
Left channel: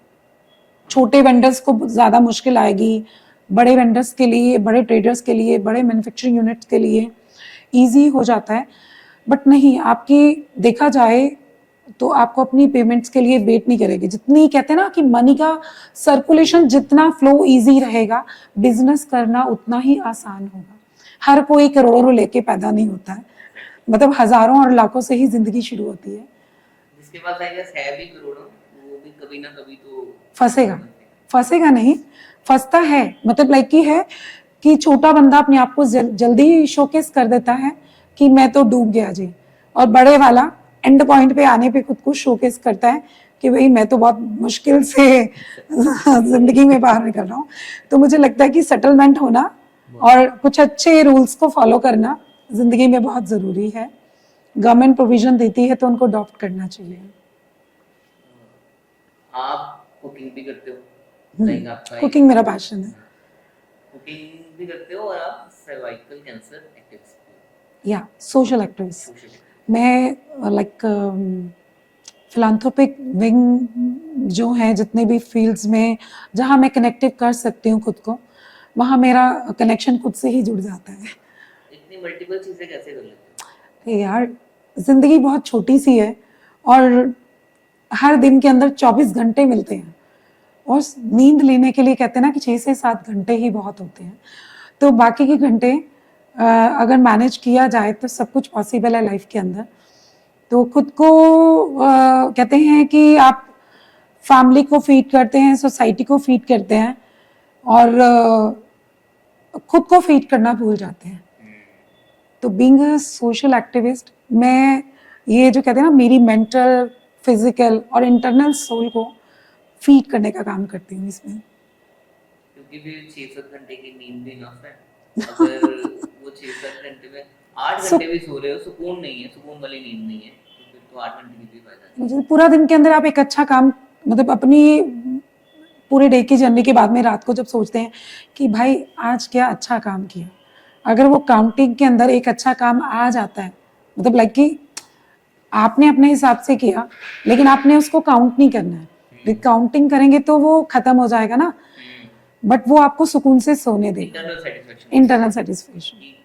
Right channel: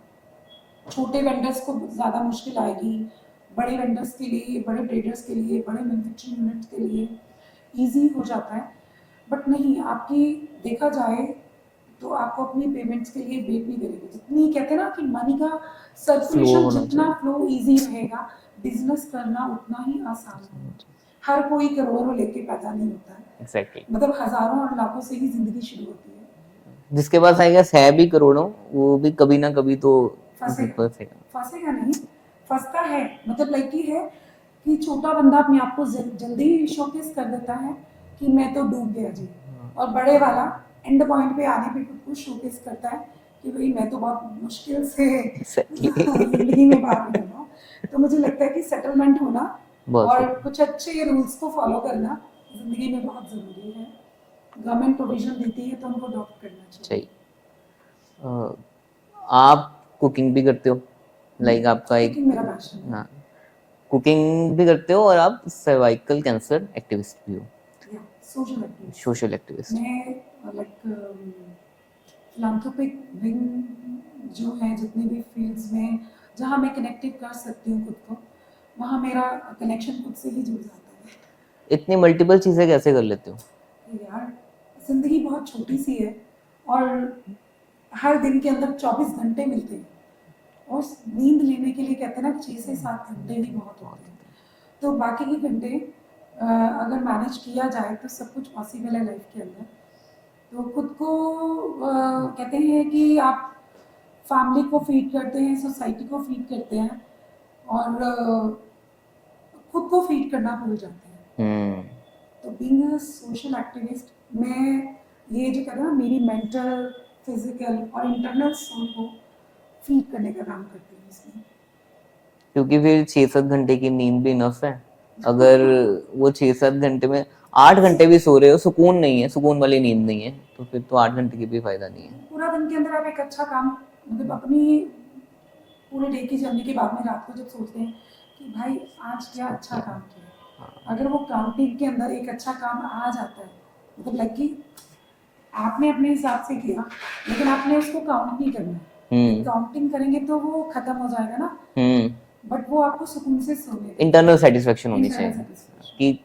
छोटे वेंडर्स को ज्यादा मुश्किल आएगी, बड़े वेंडर्स के लिए, बड़े ट्रेडर्स के लिए, बड़े मैन्युफैक्चरिंग यूनिट्स के लिए इजी हो जाता है। बट नहीं, आपकी देखा जाए तो आपको अपनी पेमेंट्स के लिए वेट नहीं करेगी। जितनी कहते हैं ना कि मनी का सर्कुलेशन जितना फ्लो इजी रहेगा, बिजनेस करना उतना ही आसान होगा। हर कोई करोड़ों लेके पैदा नहीं होता है, मतलब हजारों और लाखों से ही जिंदगी शुरू होती है। जिसके पास आई गेस है भी करोड़ों, वो भी कभी ना कभी तो फंसेगा नहीं, फंसता है, मतलब लाइक की है कि छोटा बंदा अपने आप को जल्दी शोकेस कर देता है कि मैं तो डूब गया जी, और बड़े वाला एंड पॉइंट पे आने पे खुद को शोकेस करता है कि भाई मैं तो बहुत मुश्किल से जिंदगी में बाहर निकल रहा हूँ। तो मुझे लगता है कि सेटलमेंट होना और कुछ अच्छे रूल्स को फॉलो करना जिंदगी में बहुत जरूरी है। गवर्नमेंट प्रोविजन देती है तो उनको अडॉप्ट करना चाहिए। आप कुकिंग भी करते हो, लाइक आपका कुकिंग मेरा पैशन है। कुकिंग भी करते हो और आप सर्वाइकल कैंसर एक्टिविस्ट भी हो, या सोशल एक्टिविस्ट। Social activist. मैं लाइक फिलांथ्रोपिक विंग जो है, जितने भी फील्ड्स में जहाँ मैं कनेक्टिव कर सकती हूँ खुद को, वहाँ मेरा कनेक्शन खुद से ही जुड़ जाता है। इतनी मल्टीपल चीजें कैसे कर लेते हो? यार जिंदगी बहुत छोटी सी है और हर दिन के अंदर 24 घंटे मिलते हैं और नींद लेने के लिए कहते हैं ना कि 6 से 7 घंटे ही बहुत होते हैं। तो बाकी के घंटे अगर मैनेज किया जाए तो सब कुछ पॉसिबल है लाइफ के अंदर। तो खुद को कहते हैं कि आप फैमिली को फीड करते हैं, सोसाइटी को फीड करते हैं और खुद को फीड करना भूल जाते हैं। तो बीइंग अ सोशल एक्टिविस्ट, मैं ये जो कहते हैं ना, मेरी मेंटल, फिजिकल और इंटरनल सोल को फीड करने का काम करती हूँ इसमें। क्योंकि फिर 6-7 घंटे की नींद भी इनफ है। अगर वो 6-7 घंटे में 8 घंटे भी सो रहे हो, सुकून नहीं है, सुकून वाली नींद नहीं है, तो फिर तो 8 घंटे की भी फायदा नहीं है। मुझे पूरा दिन के अंदर आप एक अच्छा काम, मतलब अपनी पूरे डे की जर्नी के बाद में रात को जब सोचते हैं कि भाई आज क्या अच्छा काम किया, अगर वो काउंटिंग के अंदर एक अच्छा काम आ जाता है, मतलब लाइक कि आपने अपने हिसाब से किया लेकिन आपने उसको काउंट नहीं करना है। काउंटिंग करेंगे तो वो खत्म हो जाएगा ना, बट वो आपको सुकून से सोने दे। इंटरनल सेटिस्फेक्शन, इंटरनल सेटिस्फेक्शन कि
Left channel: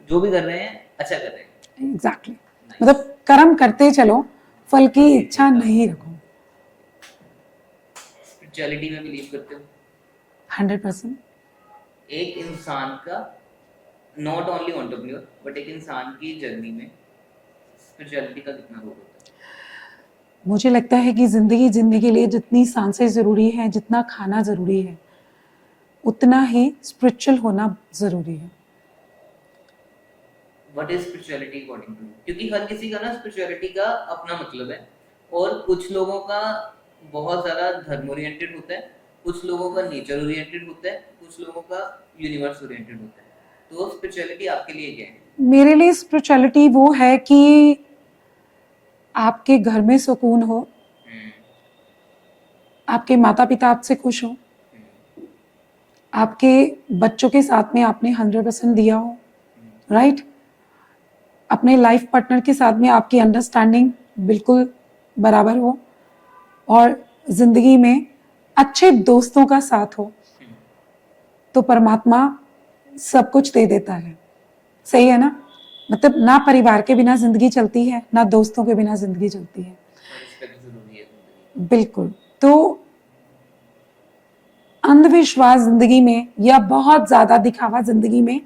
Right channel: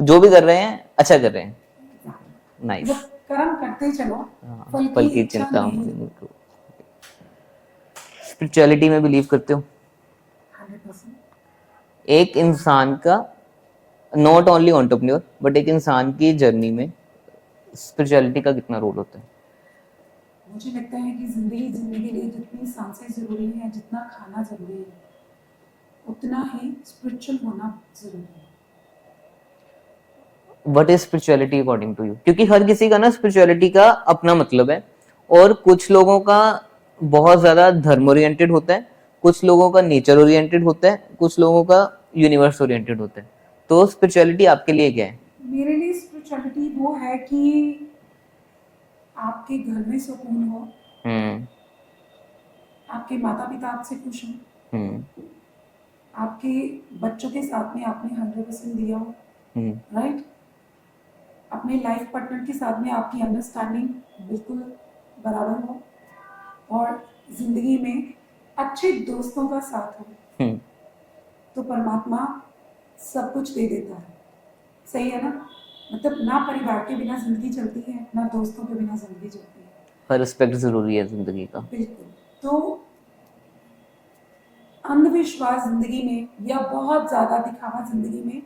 जो भी कर रहे हैं अच्छा कर रहे हैं। एग्जैक्टली। Nice. मतलब कर्म करते चलो, फल की इच्छा चिंता नहीं रखो। स्पिरिचुअलिटी में बिलीव करते हो? 100%। एक इंसान का, नॉट ओनली एंटरप्रेन्योर, बट एक इंसान की जर्नी में स्पिरिचुअलिटी का कितना रोल होता है? मुझे लगता है कि जिंदगी जीने के लिए जितनी सांसें जरूरी है, जितना खाना जरूरी है, उतना ही स्पिरिचुअल होना जरूरी है। What is spirituality according to you? क्योंकि हर किसी का ना स्पिरिचुअलिटी का अपना मतलब है, और कुछ लोगों का बहुत ज्यादा धर्म ओरिएंटेड होता है, कुछ लोगों का नेचर ओरिएंटेड होता है, कुछ लोगों का यूनिवर्स ओरिएंटेड होता है। तो स्पिरिचुअलिटी आपके लिए क्या है? मेरे लिए स्पिरिचुअलिटी वो है कि आपके घर में सुकून हो, आपके माता पिता आपसे खुश हो, आपके बच्चों के साथ में आपने 100% दिया हो, राइट? अपने लाइफ पार्टनर के साथ में आपकी अंडरस्टैंडिंग बिल्कुल बराबर हो, और जिंदगी में अच्छे दोस्तों का साथ हो, तो परमात्मा सब कुछ दे देता है। सही है ना? मतलब ना परिवार के बिना जिंदगी चलती है, ना दोस्तों के बिना जिंदगी चलती है। पर रिस्पेक्ट जरूरी है जिंदगी का। बिल्कुल। तो अंधविश्वास जिंदगी में या बहुत ज्यादा दिखावा जिंदगी में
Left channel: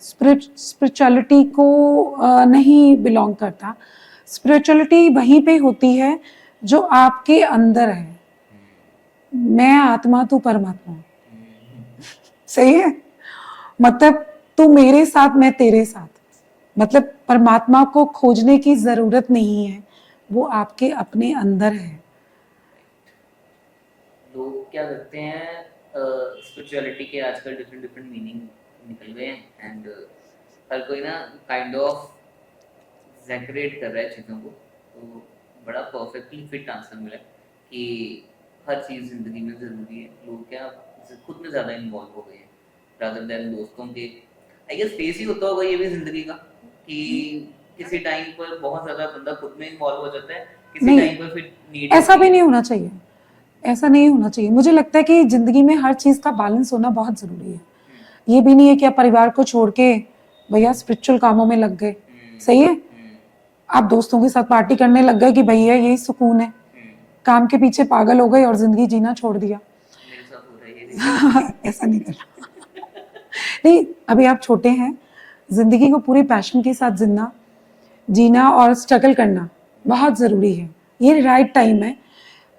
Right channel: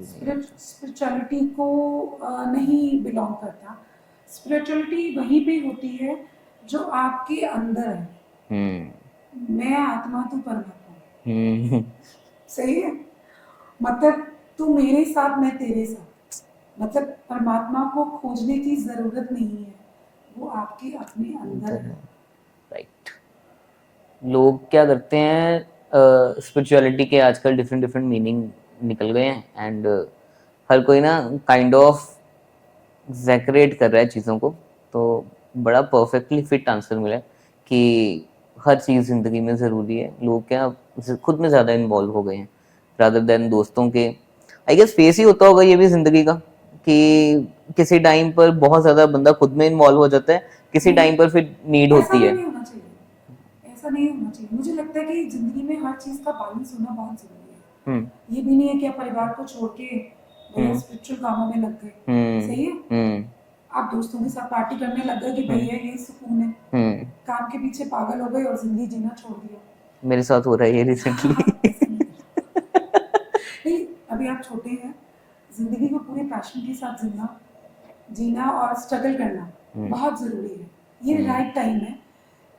स्पिरिचुअलिटी को नहीं बिलोंग करता। स्पिरिचुअलिटी वहीं पे होती है जो आपके अंदर है। मैं आत्मा, तू परमात्मा। सही है? मतलब तू मेरे साथ, मैं तेरे साथ। मतलब परमात्मा को खोजने की जरूरत नहीं है, वो आपके अपने अंदर है। राइट। लोग क्या करते हैं, स्पिरिचुअलिटी के आजकल डिफरेंट डिफरेंट मीनिंग निकल गए हैं, एंड हर कोई ना काइंड ऑफ एग्जैगरेट कर रहा है चीज़ों को। तो बड़ा परफेक्टली फिट आंसर मिला कि हर चीज़ ज़िंदगी में ज़रूरी है। लोग क्या खुद में ज़्यादा इन्वॉल्व हो गए हैं रादर देन दोस्तों के। आई गेस फेस ही होता होगा ये भी ज़िंदगी का, कि किसी टाइम पर बहुत ज़्यादा बंदा खुद में इन्वॉल्व हो जाता है, किसी टाइम पर फिर नीड होती है। ऐसा भी नहीं होना चाहिए, ऐसा नहीं होना चाहिए। मुझे लगता है कि जिंदगी में हर चीज़ का बैलेंस होना बहुत ज़रूरी है। ये भी नहीं है कि आप परिवार को छोड़ के भैया स्पिरिचुअल कामों में लग गए। सही है? आप दोस्तों के साथ पार्टी करने लग गए कि भैया यही सुकून है, काम के पीछे पागल हो गए और जिंदगी जीना छोड़ दिया। मेरे साथ हो रहा है ये रिसेंटली। ऐसा नहीं करना। नहीं, अभी आप छोटे हैं, जिंदगी को पूरे पैशन के साथ जीना और स्ट्रगल करना बहुत जरूरी है। ये राइट टाइम है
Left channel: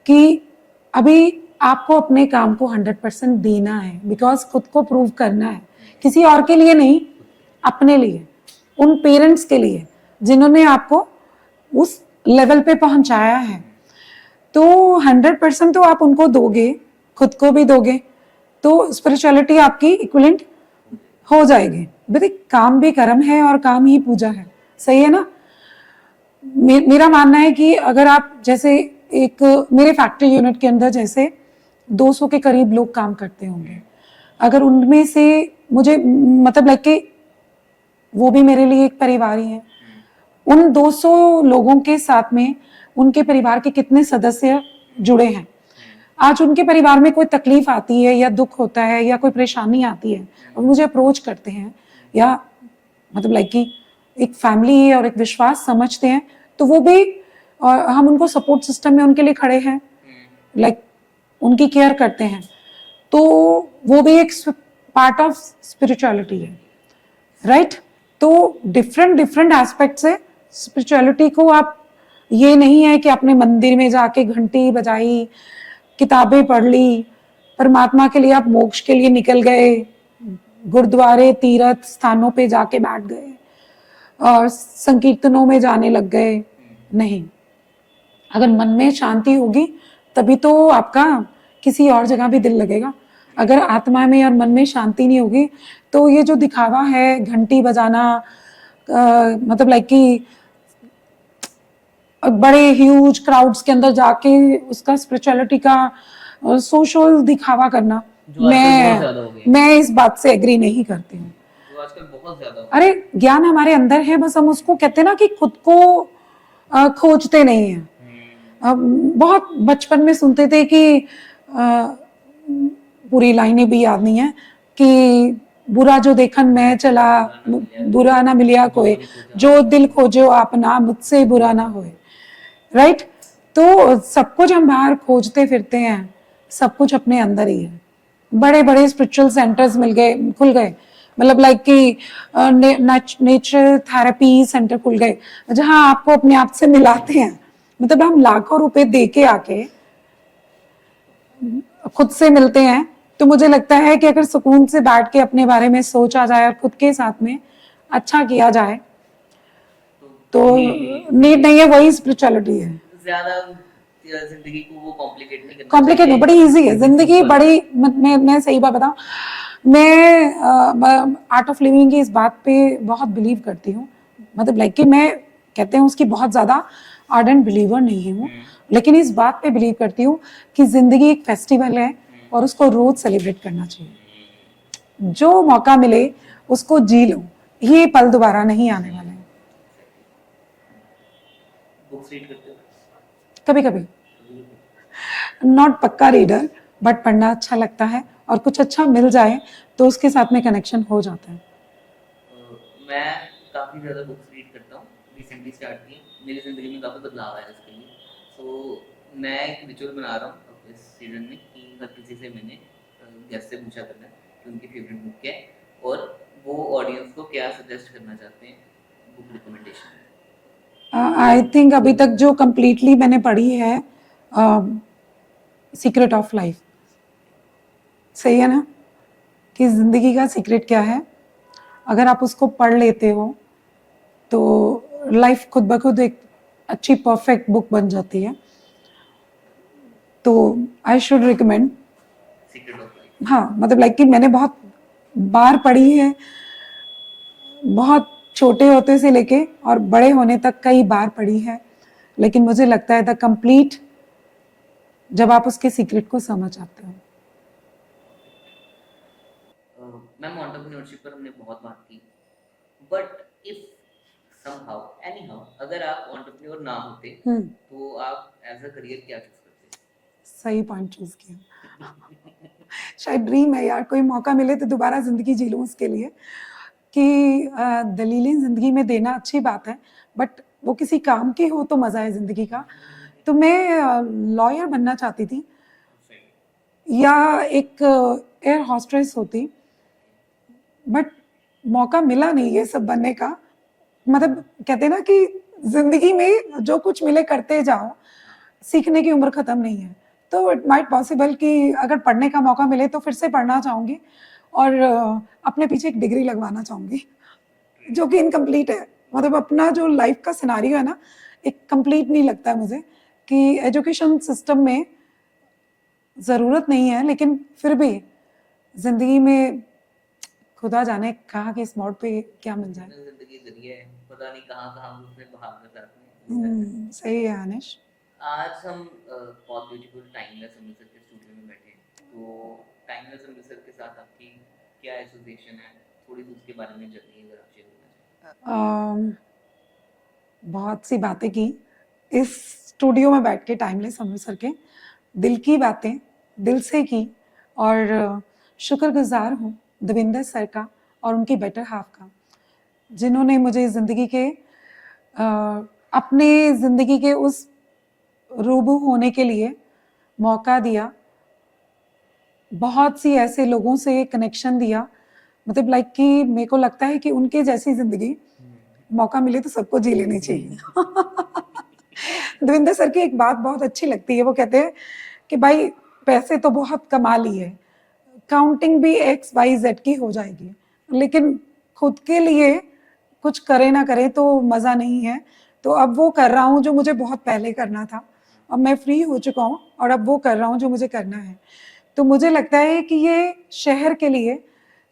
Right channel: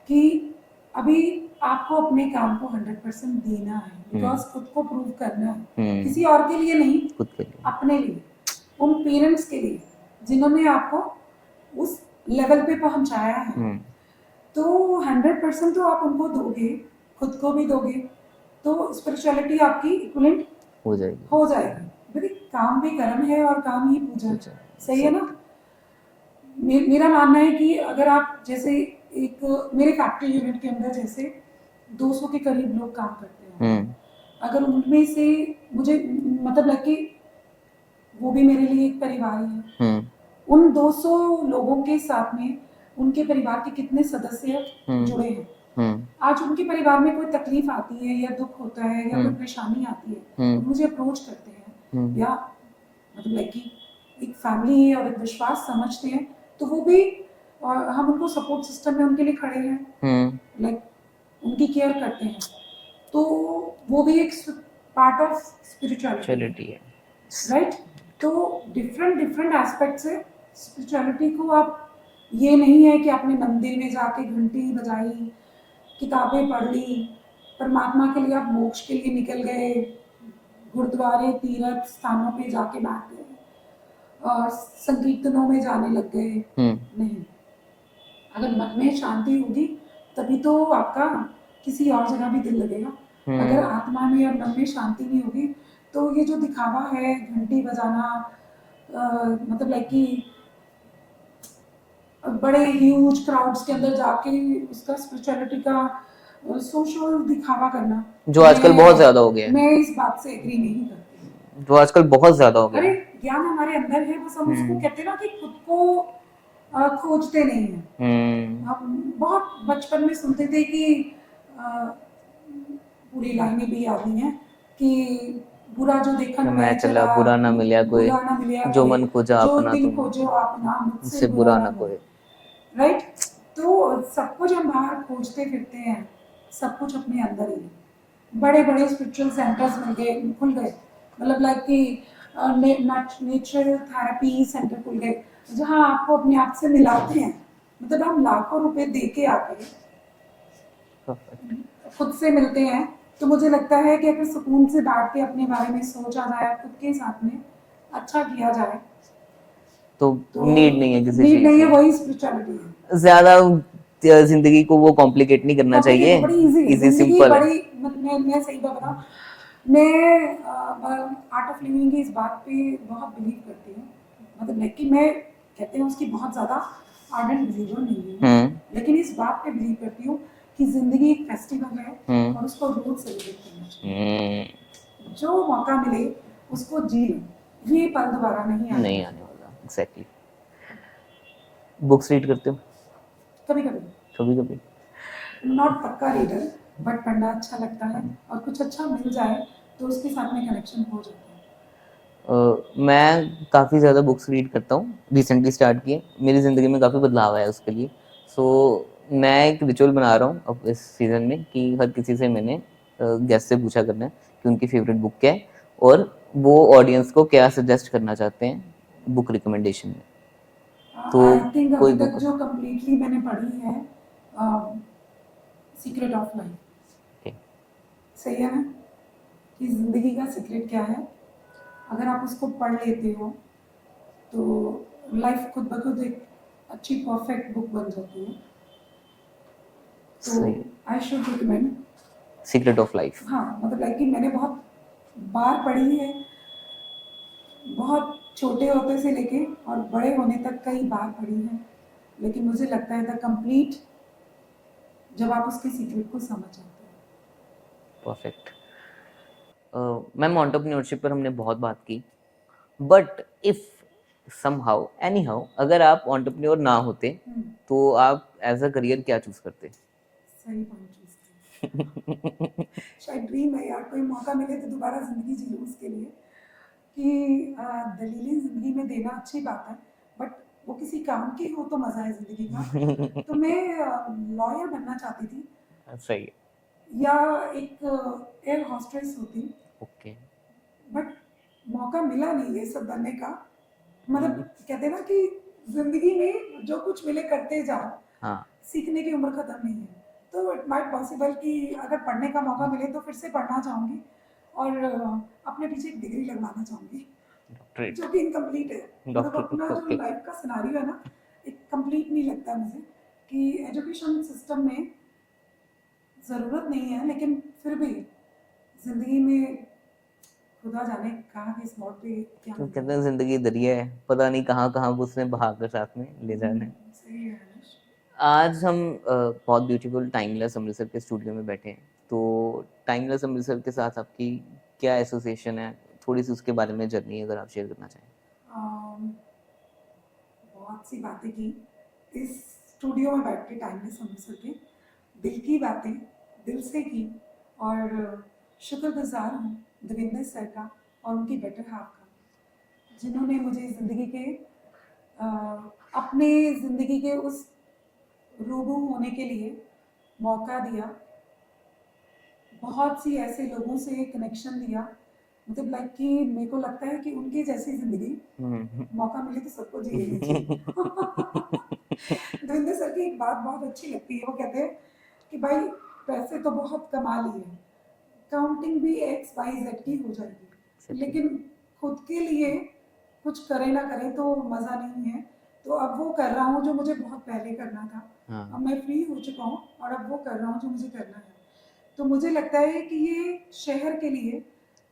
कि अभी आपको अपने काम को 100% देना है, बिकॉज खुद को प्रूव करना है। किसी और के लिए नहीं, अपने लिए, उन पेरेंट्स के लिए जिन्होंने आपको उस लेवल पे पहुंचाया है। तो 100% तो आप उनको दोगे, खुद को भी दोगे, तो स्पिरिचुअलिटी आपकी इक्विवेलेंट हो जाएगी। बेटे काम भी कर्म है और काम ही पूजा है। सही है ना? मेरा मानना है कि अगर आप जैसे एक मेरे फैक्ट्री यूनिट के अंदर जैसे 200 के करीब लोग काम करते होंगे, अगर उनमें से मुझे मतलब लाइक कि वो भी मेरे लिए एक परिवार ही है। उन 200 लोगों के साथ में उनके परिवार के कितने सदस्य जुड़े हैं। आज उनके परिवार में कोई तकलीफ आती है या दुख होता है या कोई परेशानी आती है और मुझे अप्रोच करते हैं या मतलब लाइक कि एक फैमिली है और एक विश्वास समझते हैं, तो वो भी हम उनको सपोर्ट सिस्टम में उनके लिए खड़े हैं, लाइक उनकी केयर करते हैं, तो वो भी एक पार्ट ऑफ स्पिरिचुअलिटी है, राइट। तो डिफरेंट डिफरेंट एस्पेक्ट से स्पिरिचुअलिटी को आप, ये नहीं है कि आपने मंदिर में जाके घंटी बजाई, किताबें पढ़ ली, परमात्मा के लिए आप मोक्ष के लिए निकल गए, गुरुद्वारे तीर्थ स्थानों पे जाके बैठ गए और संकीर्तनों में जाने लग गए। नहीं, अगर मन में शांति होगी तभी तो आपका किसी और जगह भी दिल लगेगा। अगर आत्मा में और मन में शांति नहीं होगी तो ये जो दिखावा है, घंटी बजाना, मतलब लाइक कि बड़े ह्यूज क्राउड्स के अंदर जाके उसका स्पिरिचुअलिटी का सोशल दिखावा करना, जो आजकल बहुत ज्यादा हो गया है। मैं इस बात से एग्री नहीं करती हूँ, जो आजकल बहुत ज्यादा हो गया। अरे ज्ञान हमारे अंदर है, बस हम उसको कहते हैं ना कि खुद को खोजते नहीं है। बहुत बचपन में सुनते थे कि पूरी लाइनें भी याद नहीं है कि बुरा जो देखन मैं चला, बुरा ना मिलिया जो कोई, मन खोजा जो अपना दिल तुम, खोजो अपना मुझसे बुरा ना होए, राइट। तो सब कुछ हम बाहर खोजते फिरते हैं, सब कुछ अपने अंदर ही है। बड़े बड़े स्पिरिचुअल सेंटर्स खुल गए, मतलब लाइक कि नेचर थेरेपी सेंटर खुल गए जहां आपको अपने आप से मिलाते हैं। मतलब हम लाखों रुपए दे के आके खुद से मिलते हैं, तो मुझे लगता है कि अगर सुकून से बैठ के अपने बारे में सोचा जाए और खुद के साथ में अच्छा किया जाए तो नीड नहीं है, वही स्पिरिचुअलिटी है। ज्यादा जिंदगी को वो कॉम्प्लिकेट नहीं करना चाहिए, कॉम्प्लिकेट बड़ी इजी है जिंदगी, बड़ी मैं सही बात बताऊं, मैं आर्ट ऑफ लिविंग की इस बात पे बहुत बिलीव करती हूँ। मतलब लाइक कि मैं कहते हैं उसकी बहुत ज्यादा आर्डेंट बिलीवर नहीं हूँ, लेकिन इस बात पे बिलीव करती हूँ कि जिंदगी एक फेस्टिवल है और उसको रोज सेलिब्रेट करना चाहिए। जो मौका मिले उसको जी लो, ये पल दोबारा नहीं आने वाला। एग्जैक्टली। बुक्स रीड करते हो? कभी कभी नॉट पक्का रीडर, बट पढ़ना अच्छा लगता है और कुछ अच्छा मिल जाए तो उसके साथ में कनेक्शन हो जाता है। मैं काफ़ी ज़्यादा बुक्स रीड करता हूँ, रिसेंटली स्टार्ट किए, मेरी ज़िंदगी में काफ़ी बदलाव आया उसके लिए। मैं एक रिचुअल बना रहा हूँ अब इस सीज़न में कि हर किसी से मैंने गेस्ट से पूछा करना है कि उनकी फेवरेट बुक क्या है और वो ऑडियंस को क्या सजेस्ट करना चाहते हैं बुक रिकमेंडेशन में। आई थिंक अभी तक जो कंप्लीटली मैंने पढ़ी है सीक्रेट ऑफ लाइफ। सही है ना कि जिंदगी का सीक्रेट क्या है, अगर आप उसको पढ़ लेते हो तो लाइफ खुद ब खुद एक अच्छी परफेक्ट बुक बन जाती है। तो I should recommend secret of life. हाँ, मतलब लाइक कि मैंने बहुत बार पढ़ी है, बहुत छोटे होते से लेके और बड़े होने तक कई बार पढ़ी है, लेकिन मुझे लगता है द कंप्लीट जब आप उसके सीक्रेट को समझ आते हो। परफेक्ट। मैम एंटरप्रेन्योरशिप पर हमने बहुत बात की, बट इफ समहाउ एनीहाउ अगर आप एंटरप्रेन्योर ना होते तो आप एज अ करियर क्या चूज करते? सही पॉइंट चूज किया। शायद ड्रीम है यार, कोई मौका मिले तो दोबारा जिंदगी जी लूं उसके लिए कि दलीलें जिंदगी में देना अच्छी बात है, बट वो किसी काम की हो तो मजा है जिंदगी का। तो मैं लॉयर बनना चाहती थी। सही है। या एक एयर हॉस्टेस होती। ओके। बट मौका मिला नहीं ये सब बनने का। मतलब कहते हैं ना कि जिंदगी में जो कुछ मिले करते जाओ। सीखने की उम्र खत्म नहीं है, तो इट माइट पॉसिबल कि अगर पढ़ने का मौका मिले तो फिर से पढ़ना चाहूंगी और अपने पीछे एक डिग्री लगवाना चाहूंगी जो कि इनकम्प्लीट है। मतलब अपना जो लाइफ का सिनारियो है ना, एक कंप्लीट नहीं लगता है मुझे कि एजुकेशन सिस्टम में जरूरत नहीं है, लेकिन फिर भी जिंदगी में खुदा जाने कहाँ के इस मोड़ पे क्या मिलता है। जिंदगी दरिया है, पता नहीं कहाँ कहाँ उसने बहा कर साथ में ले जाना है। सही है अनिश। आज हम बहुत ब्यूटीफुल टाइमलेस अमृतसर के स्टूडियो में बैठे हैं तो टाइमलेस अमृतसर के साथ आपकी क्या एसोसिएशन है, थोड़ी सी उसके बारे में जर्नी अगर आप शेयर करना चाहें। अम, बहुत सी बातें की इस स्टूडियो में बैठ के, टाइमलेस अमृतसर के, दिल की बातें दिल से की। और शुक्रगुजार हूँ दविंदर सर का और उनकी बेटर हाफ का, जिन्होंने मुझे ज़िंदगी के अपने ज़िंदगी के उस रूबरू होने के लिए मौका दिया, बहुत सी ऐसे लोगों से कनेक्शन दिया। मतलब लाइक कि मेरे को लगता है कि उनके जैसी ज़िंदगी मौका मिले तो सबको जी लेनी चाहिए। दविंदर सर की एक बात बहुत अच्छी लगती है, वो कहते हैं कि भाई पैसे तो बहुत कमा लिए, काउंटिंग भी XYZ की हो जाएगी, लेकिन खुद के लिए कुछ करे ना करे तो मज़ा नहीं है। तो अब वो कर रहा हूँ जो मुझे बहुत पहले करना था। अब मैं फ्री हो चुका हूँ और अब वो कर रहा हूँ जो मुझे करना है। तो मुझे लगता है कि ये शहर के लिए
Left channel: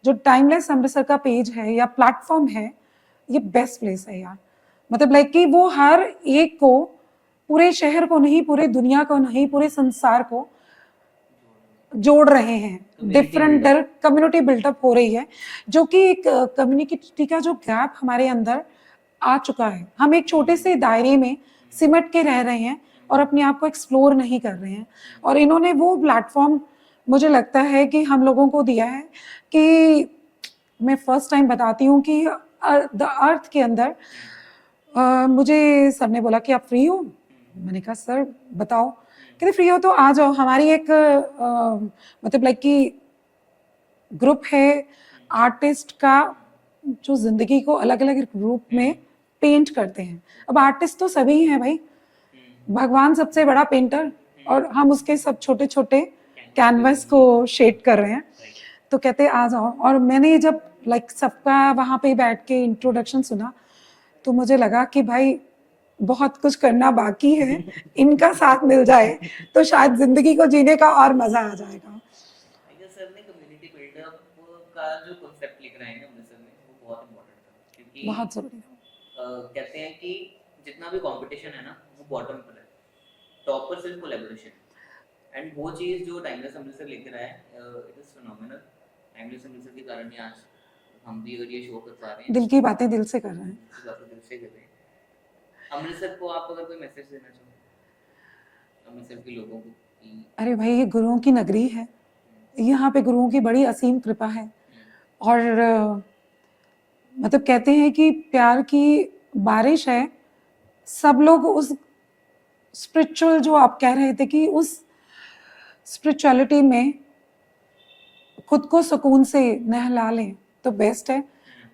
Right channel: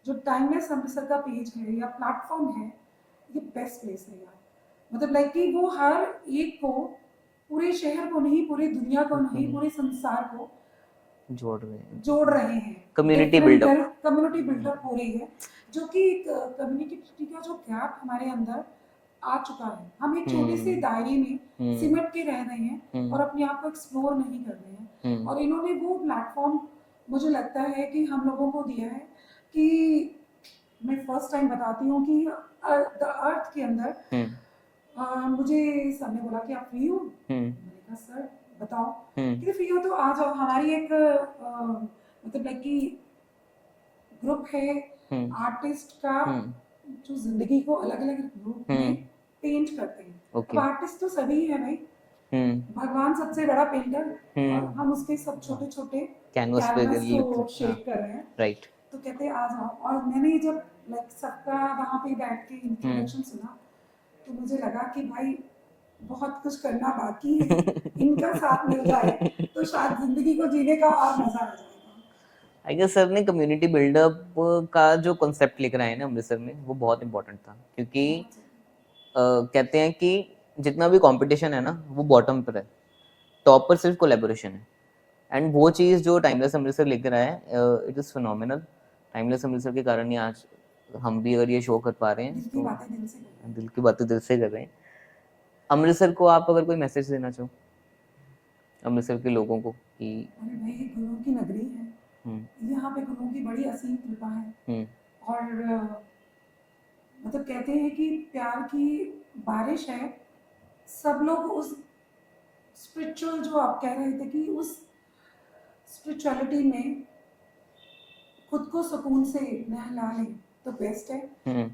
जो टाइमलेस अमृतसर का पेज है या प्लेटफॉर्म है, ये बेस्ट प्लेस है यार। मतलब लाइक कि वो हर एक को, पूरे शहर को नहीं, पूरे दुनिया को नहीं, पूरे संसार को जोड़ रहे हैं। डिफरेंट कम्युनिटी बिल्डअप हो रही है, जो कि एक कम्युनिटी का जो गैप हमारे अंदर आ चुका है। हम एक छोटे से दायरे में सिमट के रह रहे हैं और अपने आप को एक्सप्लोर नहीं कर रहे हैं। और इन्होंने वो प्लेटफॉर्म मुझे लगता है कि हम लोगों को दिया है कि मैं फर्स्ट टाइम बताती हूँ कि द अर्थ के अंदर मुझे सर ने बोला कि आप फ्री हो। मैंने कहा सर बताओ। कहते फ्री हो तो आ जाओ, हमारी एक मतलब लाइक कि ग्रुप है आर्टिस्ट का, जो जिंदगी को अलग अलग रूप में पेंट करते हैं। अब आर्टिस्ट तो सभी हैं भाई, भगवान सबसे बड़ा पेंटर, और हम उसके सब छोटे छोटे कैनवस को शेड कर रहे हैं। तो कहते आ जाओ। और मैंने जब लाइक सबका वहाँ पे बैठ के इंट्रोडक्शन सुना तो मुझे लगा कि भाई बहुत कुछ करना बाकी है, इनका साथ मिल जाए तो शायद जिंदगी को जीने का और मजा आ जाएगा। आई गेस सर ने कम्युनिटी बिल्डअप का जो कॉन्सेप्ट लेकर आए ना अमृतसर में, वो बहुत इंपॉर्टेंट था, क्योंकि बहुत जरूरी है। कहते हैं कि जितना भी कंपटीशन है ना, वो बॉटम पर है, टॉप पर सिर्फ कोलैबोरेशन है। एंड वो चीज़ जो टाइमलेस अमृतसर लेकर आया है, it is phenomenal. Timeless Amritsar के कारण ही आज हम भी अगर ये शो कर पा रहे हैं, दिल की बातें दिल से कर रहे हैं। दिल की बातें दिल से कर रहे हैं। अमृतसर को आप अगर कोई मैसेज देना चाहो अमृतसर के लोगों को कि अरे भाई ये गुरुओं की नगरी है, यहाँ पे गुरुओं की बड़ी असीम कृपा है। और मतलब कहते हैं कि प्यार की बारिश है। सब लोग उस स्पिरिचुअल, जो आप कह रहे थे कि उस स्पिरिचुअलिटी में खुद को सुकून से नहला लें तो बेस्ट है।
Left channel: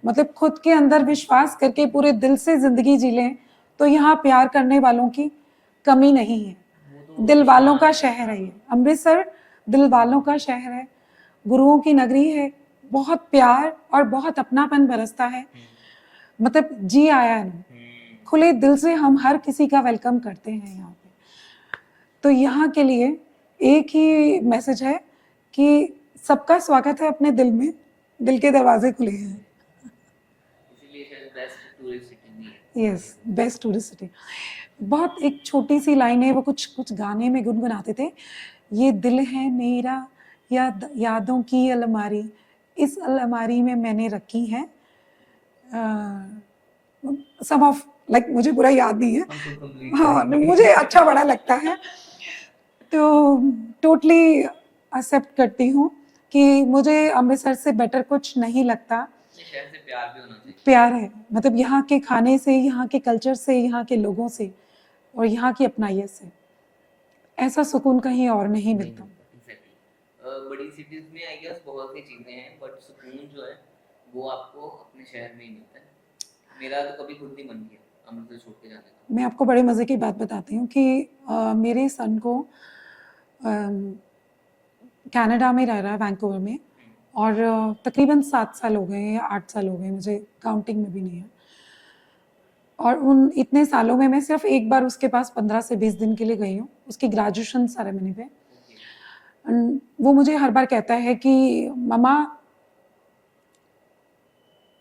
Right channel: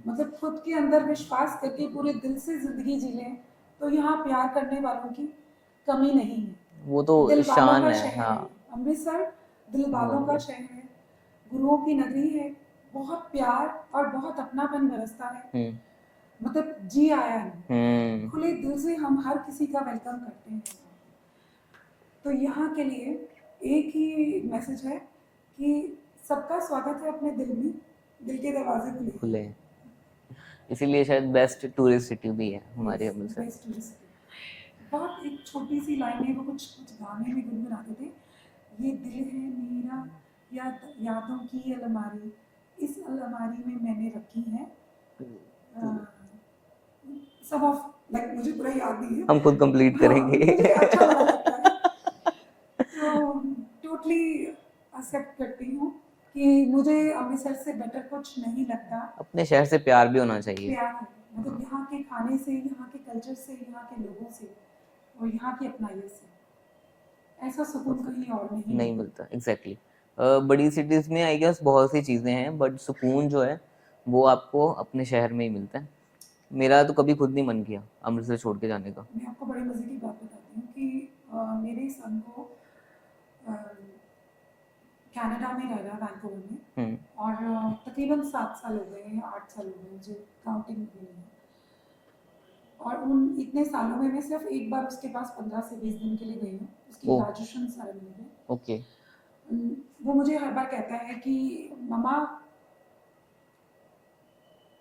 मतलब खुद के अंदर विश्वास करके पूरे दिल से जिंदगी जी लें तो यहाँ प्यार करने वालों की कमी नहीं है। वो तो दिल वालों का है, शहर है ये। अमृतसर दिल वालों का शहर है, गुरुओं की नगरी है। बहुत प्यार और बहुत अपनापन बरसता है। मतलब जी आया है, खुले दिल से हम हर किसी का वेलकम करते हैं यहाँ पे। तो यहाँ के लिए एक ही मैसेज है कि सबका स्वागत है अपने दिल में, दिल के दरवाजे खुले हैं। इसीलिए शायद बेस्ट टूरिस्ट सिटी भी है हमारे अमृतसर। Best tourist city. बहुत एक छोटी सी लाइन है, वो कुछ गाने में गुनगुनाते थे, ये दिल है मेरा यादों की अलमारी, इस अलमारी में मैंने रखी है सब ऑफ लाइक मुझे पूरा याद नहीं है, हम खुद कंप्लीट करेंगे। मुझे अच्छा बड़ा लगता है। तो टोटली एक्सेप्ट करती हूँ कि मुझे अमृतसर से बेटर कुछ नहीं लगता। अपने शहर से प्यार भी होना चाहिए। प्यार है, मतलब यहाँ के खाने से, यहाँ के कल्चर से, यहाँ के लोगों से और यहाँ की अपनाइयत से ऐसा सुकून कहीं और नहीं मिलता। एग्जैक्टली। बड़ी सिटीज में आई गेस बहुत सी चीजें हैं, बट सुकून जो है वो आपको अपने शहर में ही मिलता है। मेरा तो कभी खुद नहीं मन किया अमृतसर छोड़ के जाने का। मैं आपको बड़े मजे की बात बताती हूँ कि मेरे सन को कनाडा में रह रहा है, वैंकूवर में, और तकरीबन 7 साल हो गए या 8 साल हो गए, मुझे काउंटिंग में भी नहीं है। और उन इतने सालों में मैं सिर्फ एक बार उसके पास 15 से 20 दिन के लिए गई हूँ, उसकी ग्रेजुएशन सेरेमनी पे। ओके। वो मुझे हर बार कहता है कि मम्मा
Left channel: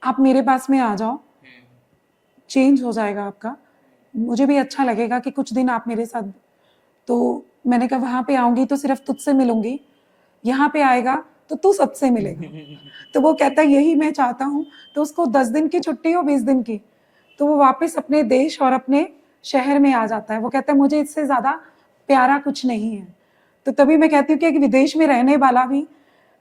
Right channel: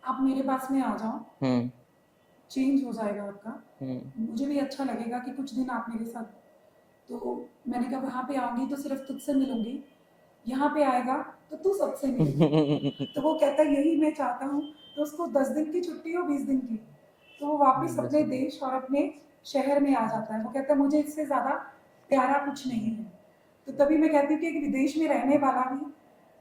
आप मेरे पास में आ जाओ, चेंज हो जाएगा आपका, मुझे भी अच्छा लगेगा कि कुछ दिन आप मेरे साथ। तो मैंने कहा वहाँ पे आऊँगी तो सिर्फ तुझसे मिलूंगी, यहाँ पे आएगा तो तू सबसे मिलेगा। तो वो कहता है यही मैं चाहता हूँ। तो उसको 10 दिन की छुट्टी हो 20 दिन की, तो वो वापस अपने देश और अपने शहर में आ जाता है। वो कहता है मुझे इससे ज्यादा प्यारा कुछ नहीं है। तो तभी मैं कहती हूँ कि एक विदेश में रहने वाला भी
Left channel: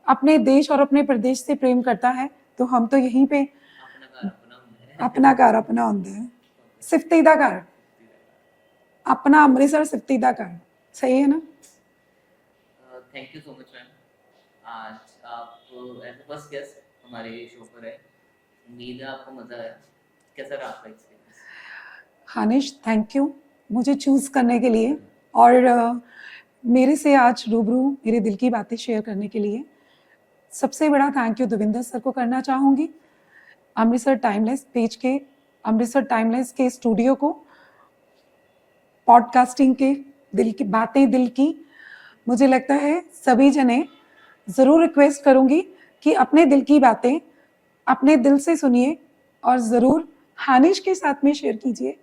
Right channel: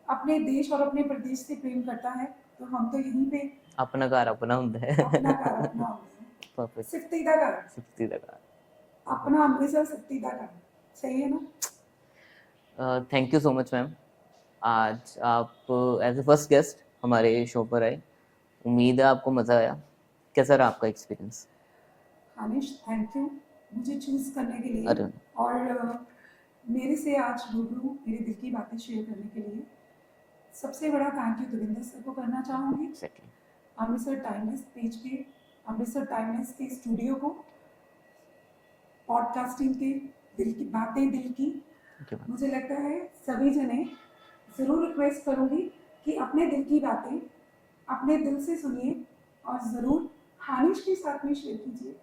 अपने देश और अपने प्रदेश से प्रेम करता है। तो हम तो यहीं पे अपना घर अपना ਹੁੰਦਾ है अपना घर अपना ਹੁੰਦਾ है, Perfect. सिफ्ती दा घर, सिफ्ती का अपना अमृतसर सिफ्ती दा घर। सही है ना? Thank you so much ma'am, आज आप एज ए फर्स्ट गेस्ट हमारे शो पर आए। उम्मीद है आपको मज़ा आया। कैसा रहा आपका एक्सपीरियंस? हानिश, थैंक यू मुझे चूज करने के लिए अरे और मेरे से आज रूबरू मेरे दिल की बातें शेयर करने के लिए। सबसे बड़ा थैंक यू देविंदर सर को करना चाहूँगी, exactly. अमृतसर टाइमलेस पेज के, अमृतसर टाइमलेस के स्टूडियो को, पॉडकास्टिंग के दिल की बातें दिल की। मुझे लगता है सभी जने ज़रूर रिक्वेस्ट करूँगी कि अपने दिल की बातें अपने दिल से सुनिए और ज़रूर हानिश के साथ में शेयर कीजिए।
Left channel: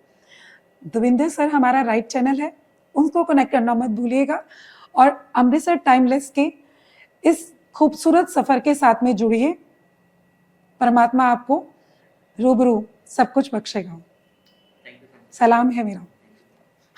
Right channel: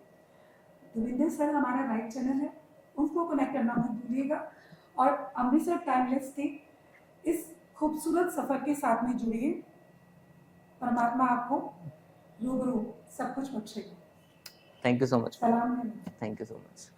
देविंदर सर हमारा राइट चैनल है, उनको कनेक्ट करना मत भूलिएगा और अमृतसर टाइमलेस के इस खूबसूरत सफ़र के साथ में जुड़िए। परमात्मा आपको रूबरू सब कुछ बख्शेगा। Thank you so much. सलाम है मेरा। Thank you so much.